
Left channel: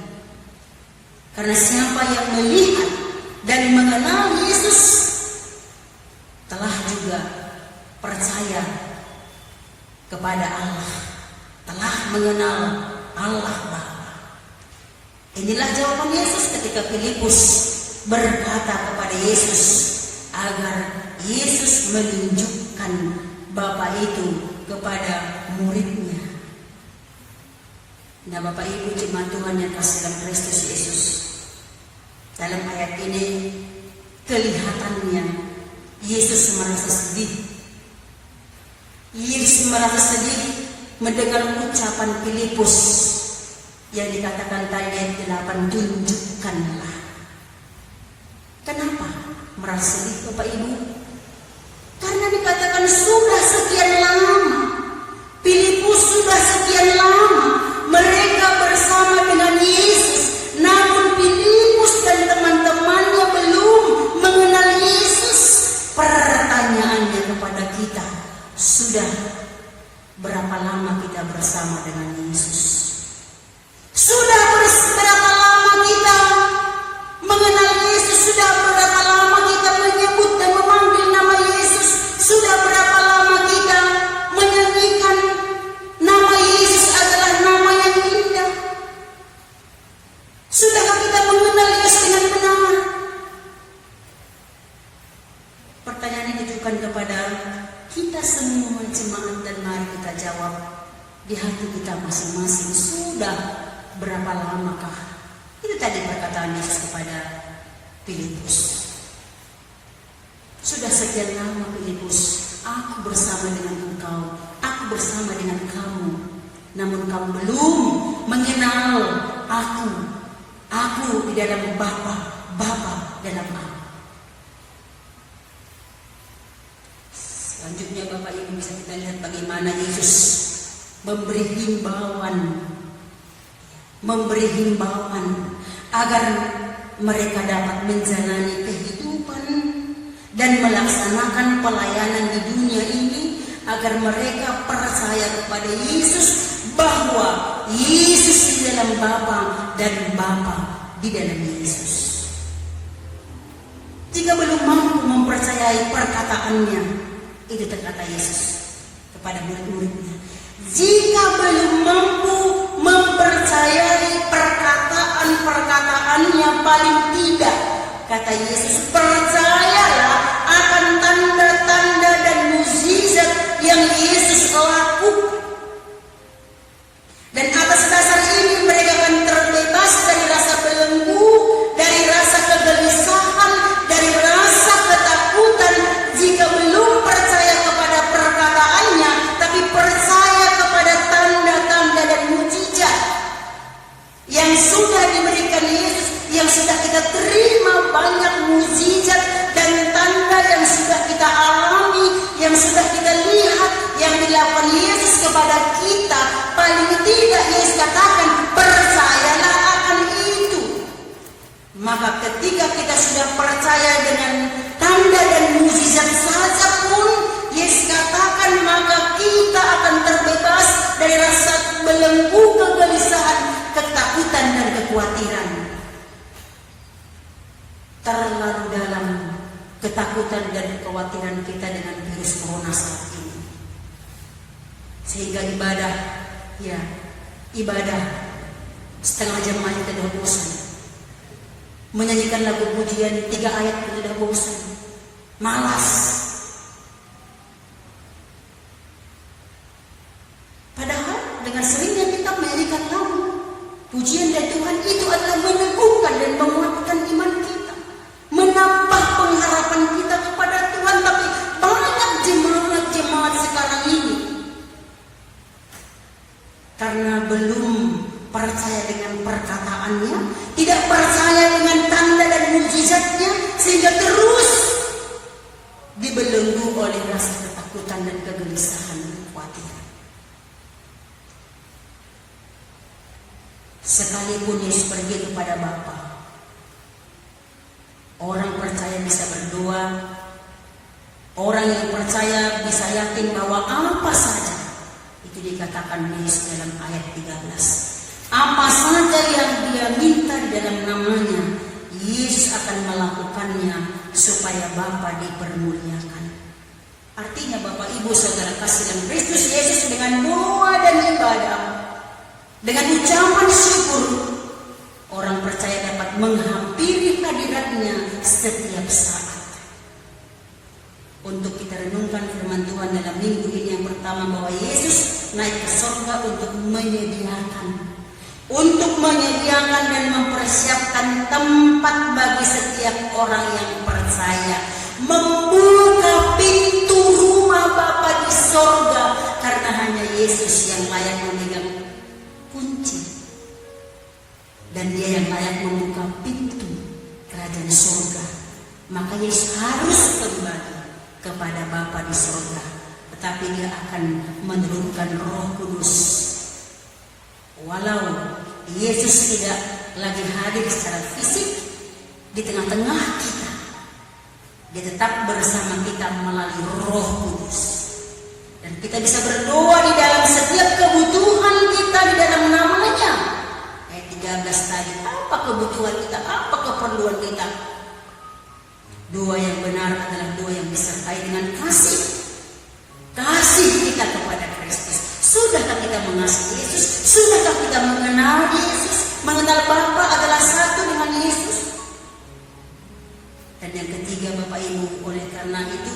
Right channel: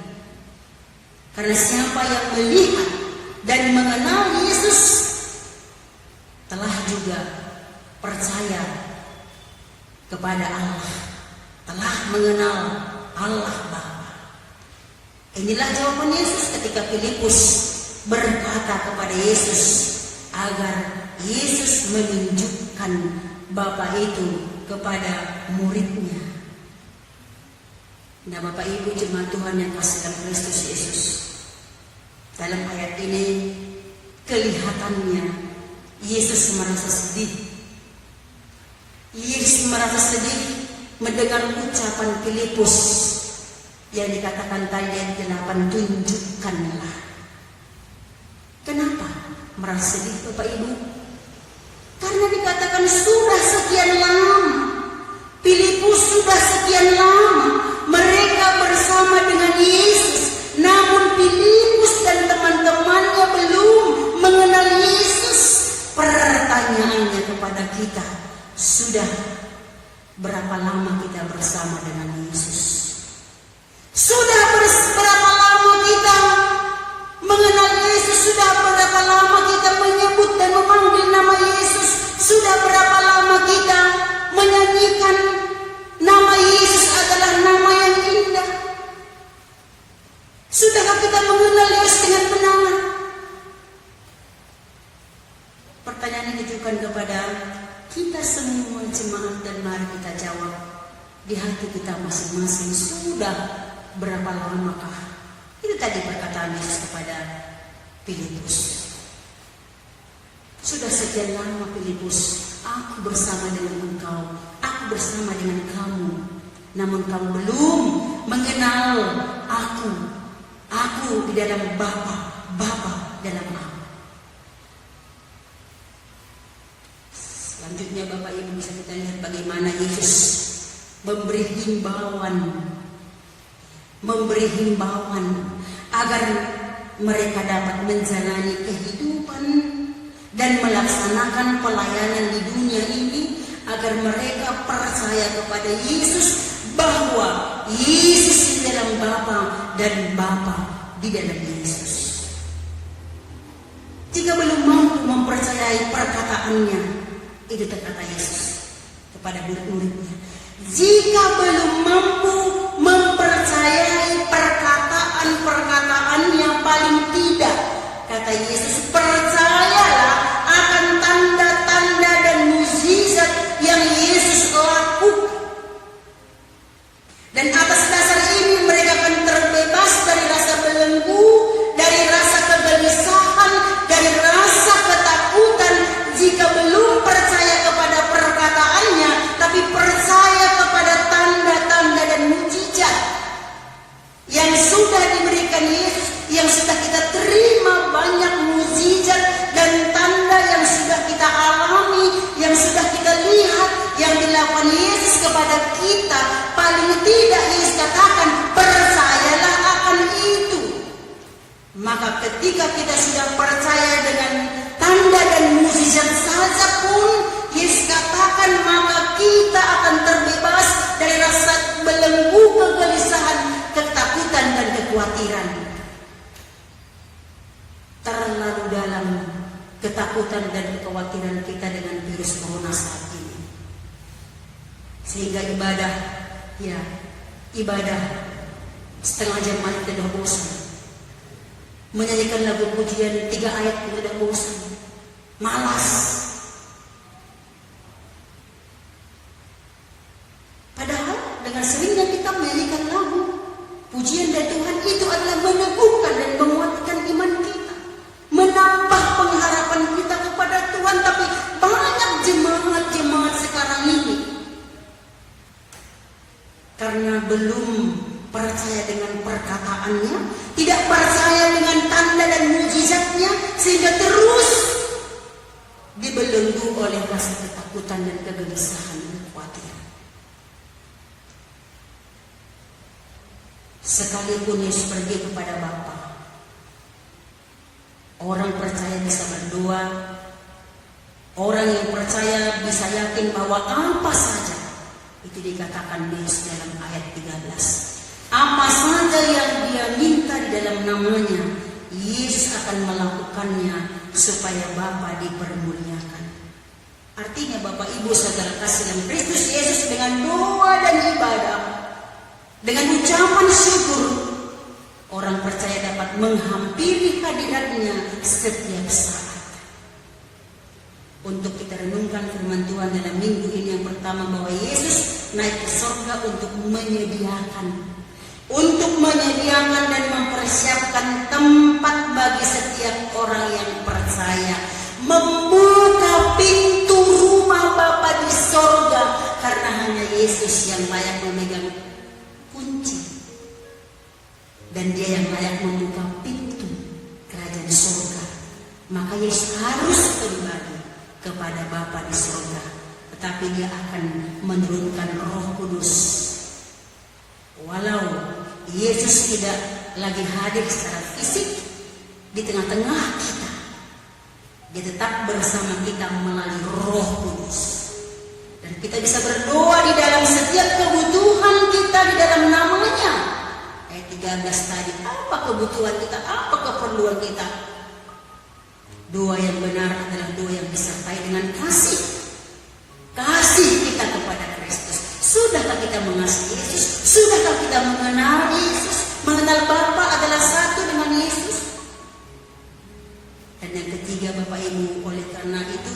Karena siapa yang melihat dan mengenal Yesus telah juga percaya kepada Allah, telah mengenal Allah Bapa. Inilah jawaban Yesus ketika Filipus berkata kepada Yesus agar Yesus menunjukkan Bapa itu kepada muridnya. Nah, Bapak Ibu jemaat Tuhan yang kasih dalam Kristus Yesus, dalam ayat ini kelihatannya Yesus merasa sedih. Yesus merasa sedih mendengar ucapan Filipus yang dikatakan tadi ayat 8, tunjukkanlah. Kenapa merasa sedih Bapak Ibu? Karena dikatakan sudah sekian lama, Filipus sudah sekian lama mereka bersama dengan Yesus, namun Filipus dan teman-temannya belum mengenal Yesus. Pertanyaannya kepada kita, sudah berapa lama kita bersama dengan Yesus? Sudah berapa lama kita mengenal Yesus? Sudah berapa lama kita menyebut dan memanggil nama Yesus? Sudah berapa lama kita menyanyikan nama Yesus adalah nama yang indah? Sudahkah kita mengenal Yesus dengan benar? Pertanyaan ini ditujukan kepada kita semua jemaat, dan mari kita jawab di hati kita masing-masing. Sudah berapa lamakah? Itu tadi perkataan Yesus kepada Filipus. Sudah sekian lama Filipus, aku bersama dengan engkau, aku bersama dengan kamu, namun kau belum mengenal aku di dalam Bapa dalam aku. Selanjutnya Bapak Ibu bisa kita lihat bagaimana Yesus memberi himbauan agar mereka dapat menjalani kehidupan dan melaksanakan pelayanan di dunia ini, agar mereka percaya kepada Yesus, bahwa Yesus di dalam Bapa dan Bapa di dalam Yesus. Jika belum mampu mempercayai perkataannya, itu terkata Yesus kepada murid-muridnya, jika belum mampu mempercayai perkataan-perkataannya, paling tidak, kata Yesus, percayalah akan tanda-tanda dan mukjizat yang Yesus lakukan. Dan atas dasar ini mereka akan terbebas dari rasa belenggu, dari rasa Maka ketika kita sudah percaya dengan tanda dan mukjizat saja pun, Yesus katakan maka kita akan terbebas dari rasa belenggu, kegelisahan, ketakutan dan kekhawatiran. Terlalu dalam ketakutan dan kekhawatiran kita dengan virus corona saat ini, sehingga ibadah setengah jam aja sudah bosan, menyanyikan lagu pujian 3 ayat pun sudah bosan, malas. Padahal dengan seringnya kita menyanyikan lagu pujian dari Tuhan, itu adalah meneguhkan dan menguatkan iman kita, menambah pengharapan kita kepada Tuhan. Tapi banyak jemaat sekarang ini karena belum percaya dengan perkataannya, tidak percaya dengan tanda dan mukjizatnya, sehingga terus dibelenggu oleh rasa ketakutan dan kegelisahan dan kekhawatiran. Sekalipun Yesus pergi kepada Bapa, orang percaya bisa berdoa, orang yang percaya bisa yakin bahwa apa saja, itu dikatakan Yesus dalam ayat 13. Apa saja yang dia minta di dalam namanya, Yesus akan melakukannya supaya Bapa dipermuliakan. Artinya Bapak Ibu Saudara kasih dalam Kristus Yesus, dengan doa dan ibadah, dengan ucapan syukur, orang percaya dapat menghampiri hadiratnya setiap saat. Untuk kita renungkan firman Tuhan dalam minggu ini yang pertama, bahwa Yesus naik ke surga untuk menyediakan dan mempersiapkan tempat bagi setiap orang yang percaya, membuka pintu rumah Bapa di surga, karena hanya Yesus yang layak memegang kunci, dan dia yang layak membuka pintu kerajaan surga. Maka Yesus harus kembali kepada Bapa di surga, tetapi dia akan menurunkan Roh Kudus. Walau Yesus tidak lagi hadir secara fisik di tengah-tengah kita, dia tetap bersama kita melalui Roh Kudus, dan kita bisa berdoa di dalam setiap kebutuhan kita di dalam namanya. Ayat 13 tadi, apa kebutuhan kita, apa keperluan kita? Doa yang benar adalah doa yang disertai dengan kasih kita kepada Kristus. Sudahkah kita mengasihi Yesus? Sudahkah kita mengenal Yesus? Mengenal Bapa adalah satu dengan Yesus. Dan yang ketiga Bapak Ibu, oleh karena itu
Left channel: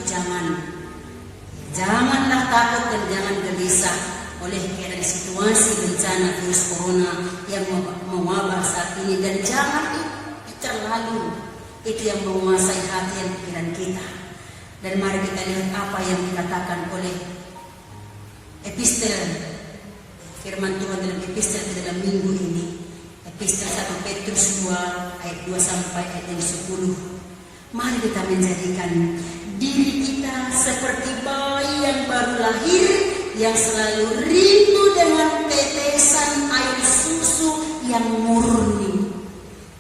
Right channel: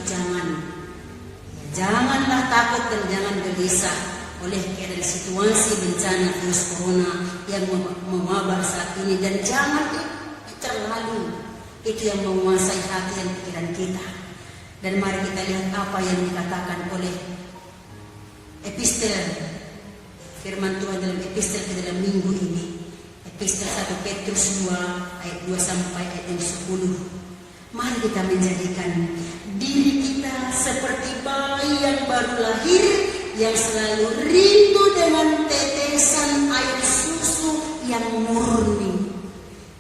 janganlah takut dan jangan gelisah oleh karena situasi bencana virus corona yang mewabah saat ini, dan jangan terlalu itu yang menguasai hati dan pikiran kita. Dan mari kita lihat apa yang dikatakan oleh epistel firman Tuhan dalam epistel dalam minggu ini, epistel 1 Petrus 2 ayat 2 sampai ayat 10. Mari kita menjadikan diri kita seperti bayi yang baru lahir, yang selalu rindu dengan tetesan air susu yang murni.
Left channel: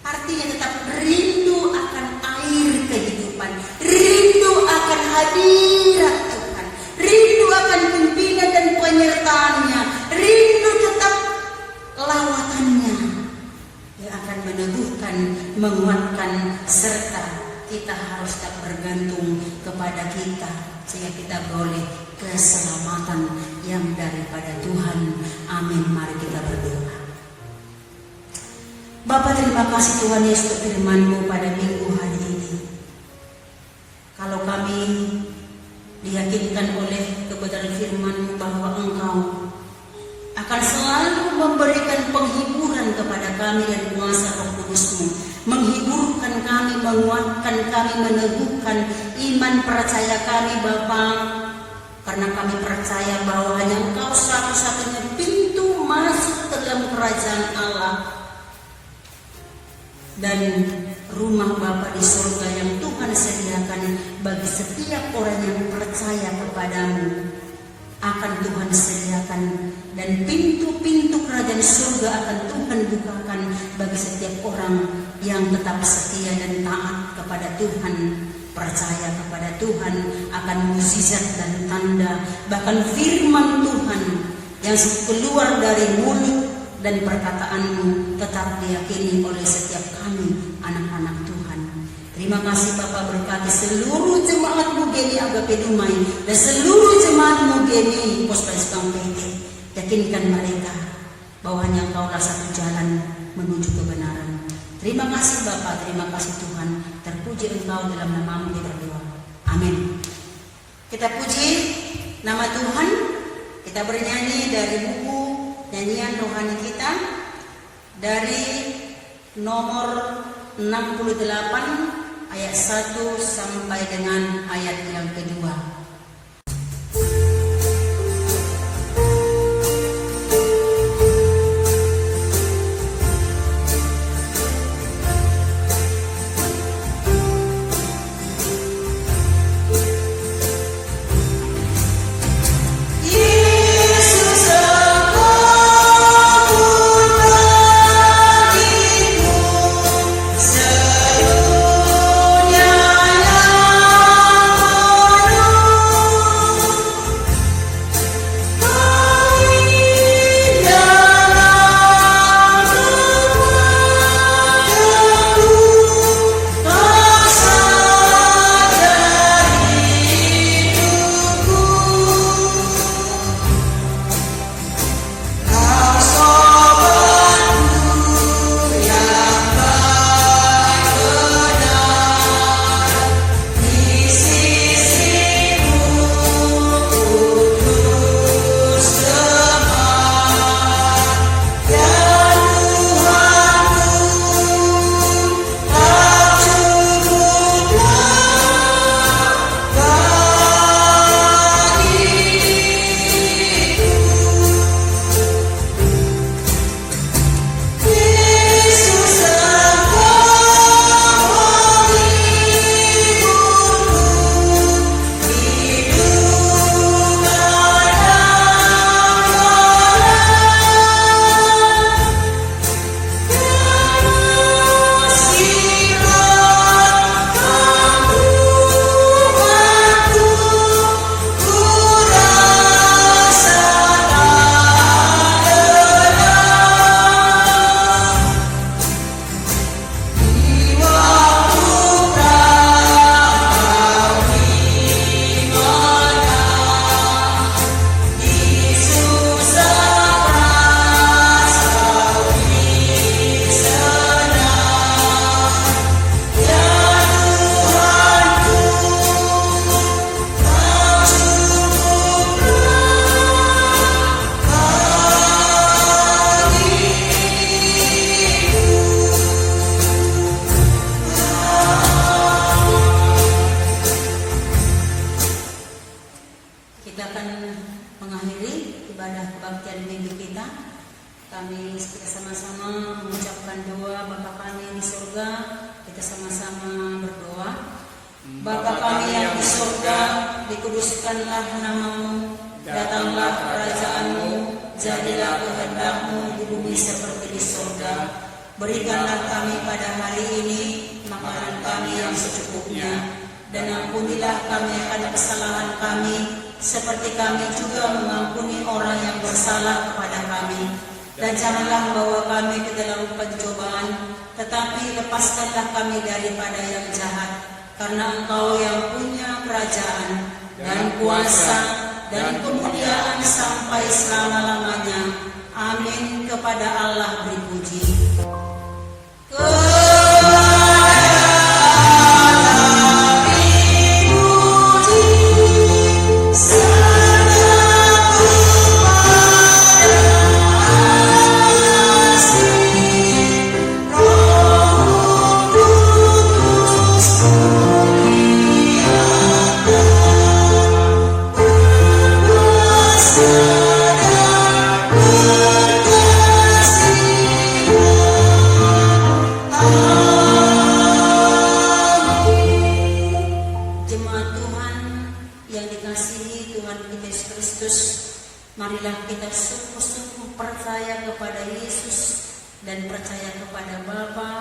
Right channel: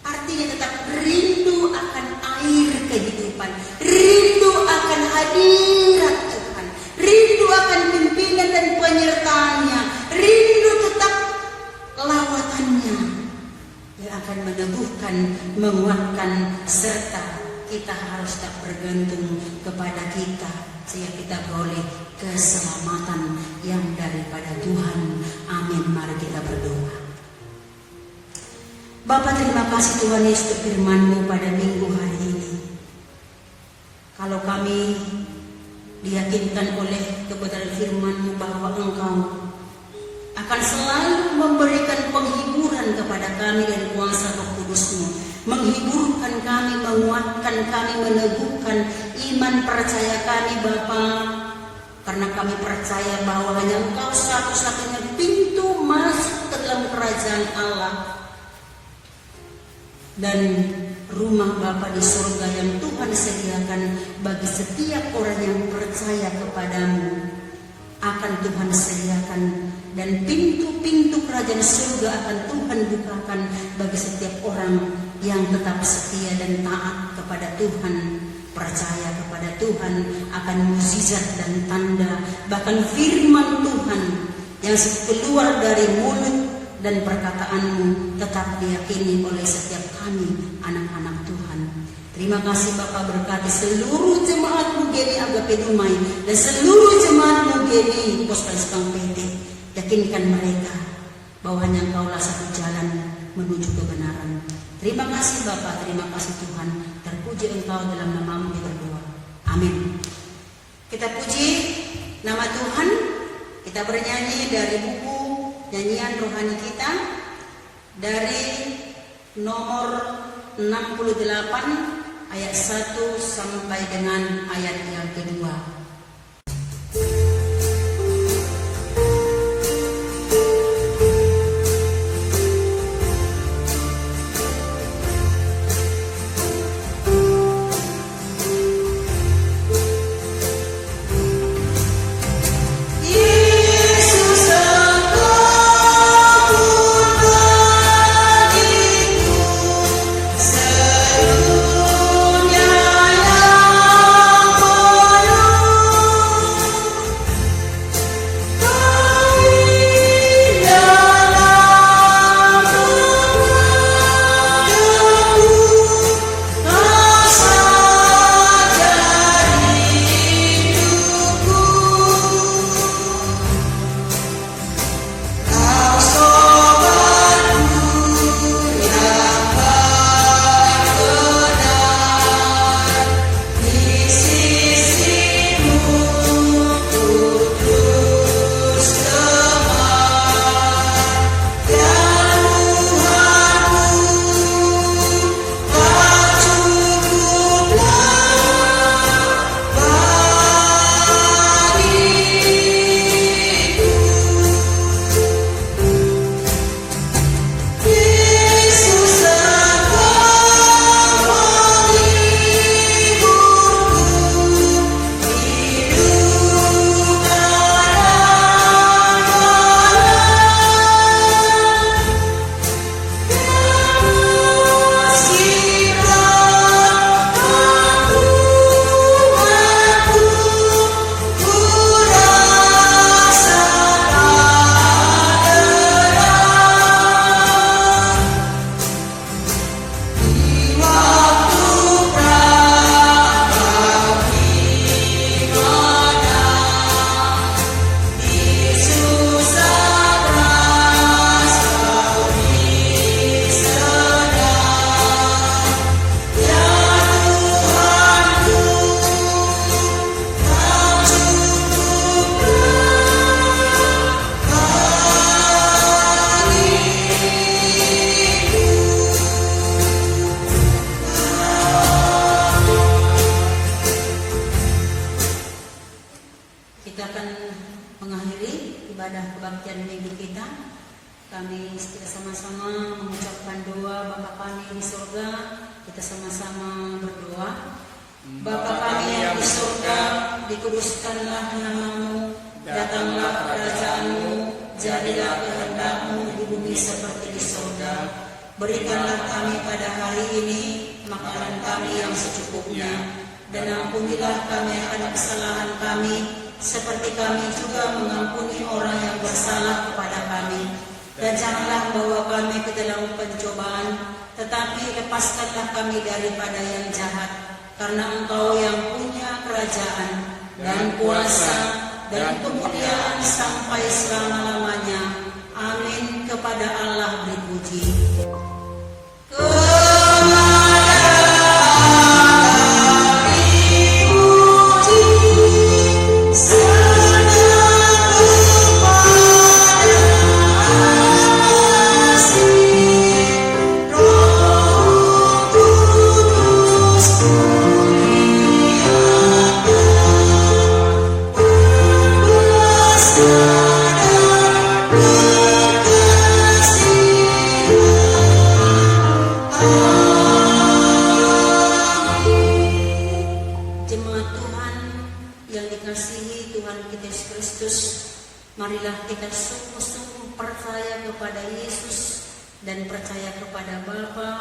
Artinya tetap rindu akan air kehidupan, rindu akan hadirat Tuhan, rindu akan pimpinan dan penyertaannya, rindu tetap lawatannya yang akan meneguhkan, menguatkan, serta kita harus tak bergantung kepada kita, sehingga kita boleh keselamatan yang daripada Tuhan. Amin. Mari kita berdoa. Bapa, terima kasih Tuhan Yesus firman-Mu pada minggu hari ini. Kalau kami diyakinkan oleh kebenaran firman-Mu bahwa Engkau akan selalu memberikan penghiburan kepada kami dan kuasa Roh Kudus-Mu, menghiburkan kami, menguatkan kami, meneguhkan iman percaya kami Bapa, karena kami percaya bahwa hanya Engkau satu-satunya pintu masuk ke dalam kerajaan Allah dan rumah Bapa di surga yang Tuhan sediakan bagi setiap orang yang percaya kepadamu. Akan Tuhan sediakan, dan pintu-pintu kerajaan surga akan Tuhan bukakan bagi setiap orang yang tetap setia dan taat kepada Tuhan, percaya kepada Tuhan akan mukjizat dan tanda, bahkan firman Tuhan yang keluar dari mulut dan perkataanmu tetap diyakini oleh setiap kami anak-anak Tuhan. Terima kasih Bapak, berkati seluruh jemaat Mugeni Agape Dumai dan seluruh jemaat Mugeni Pospestam PT. Yakinkan mereka bahwa hanya Engkaulah satu jalan menuju kebenaran. Terima kasih Bapak, terima kasih Tuhan. Terpuji Engkau dalam nama-Mu kita berdoa. Amin. Kita puji nama Tuhan. Kita bernyanyi dari buku nyanyian rohani kita dari nomor 68 ayat 1 sampai dengan ayat yang kedua. percaya kepada Yesus dan percaya kepada Bapa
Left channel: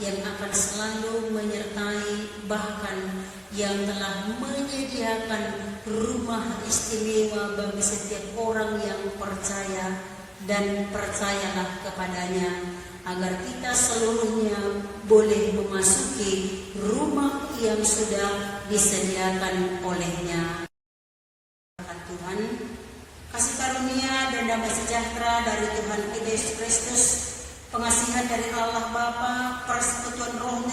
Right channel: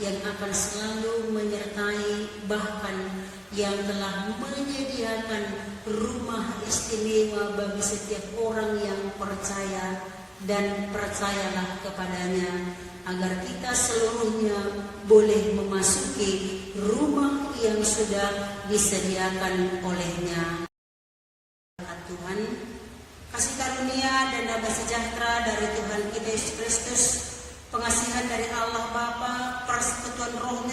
yang akan selalu menyertai, bahkan yang telah menyediakan rumah istimewa bagi setiap orang yang percaya dan percayalah kepadanya, agar kita seluruhnya boleh memasuki rumah yang sudah disediakan olehnya. Tuhan, kasih karunia dan damai sejahtera dari Tuhan kita Yesus Kristus, pengasihan dari Allah Bapa, persekutuan Roh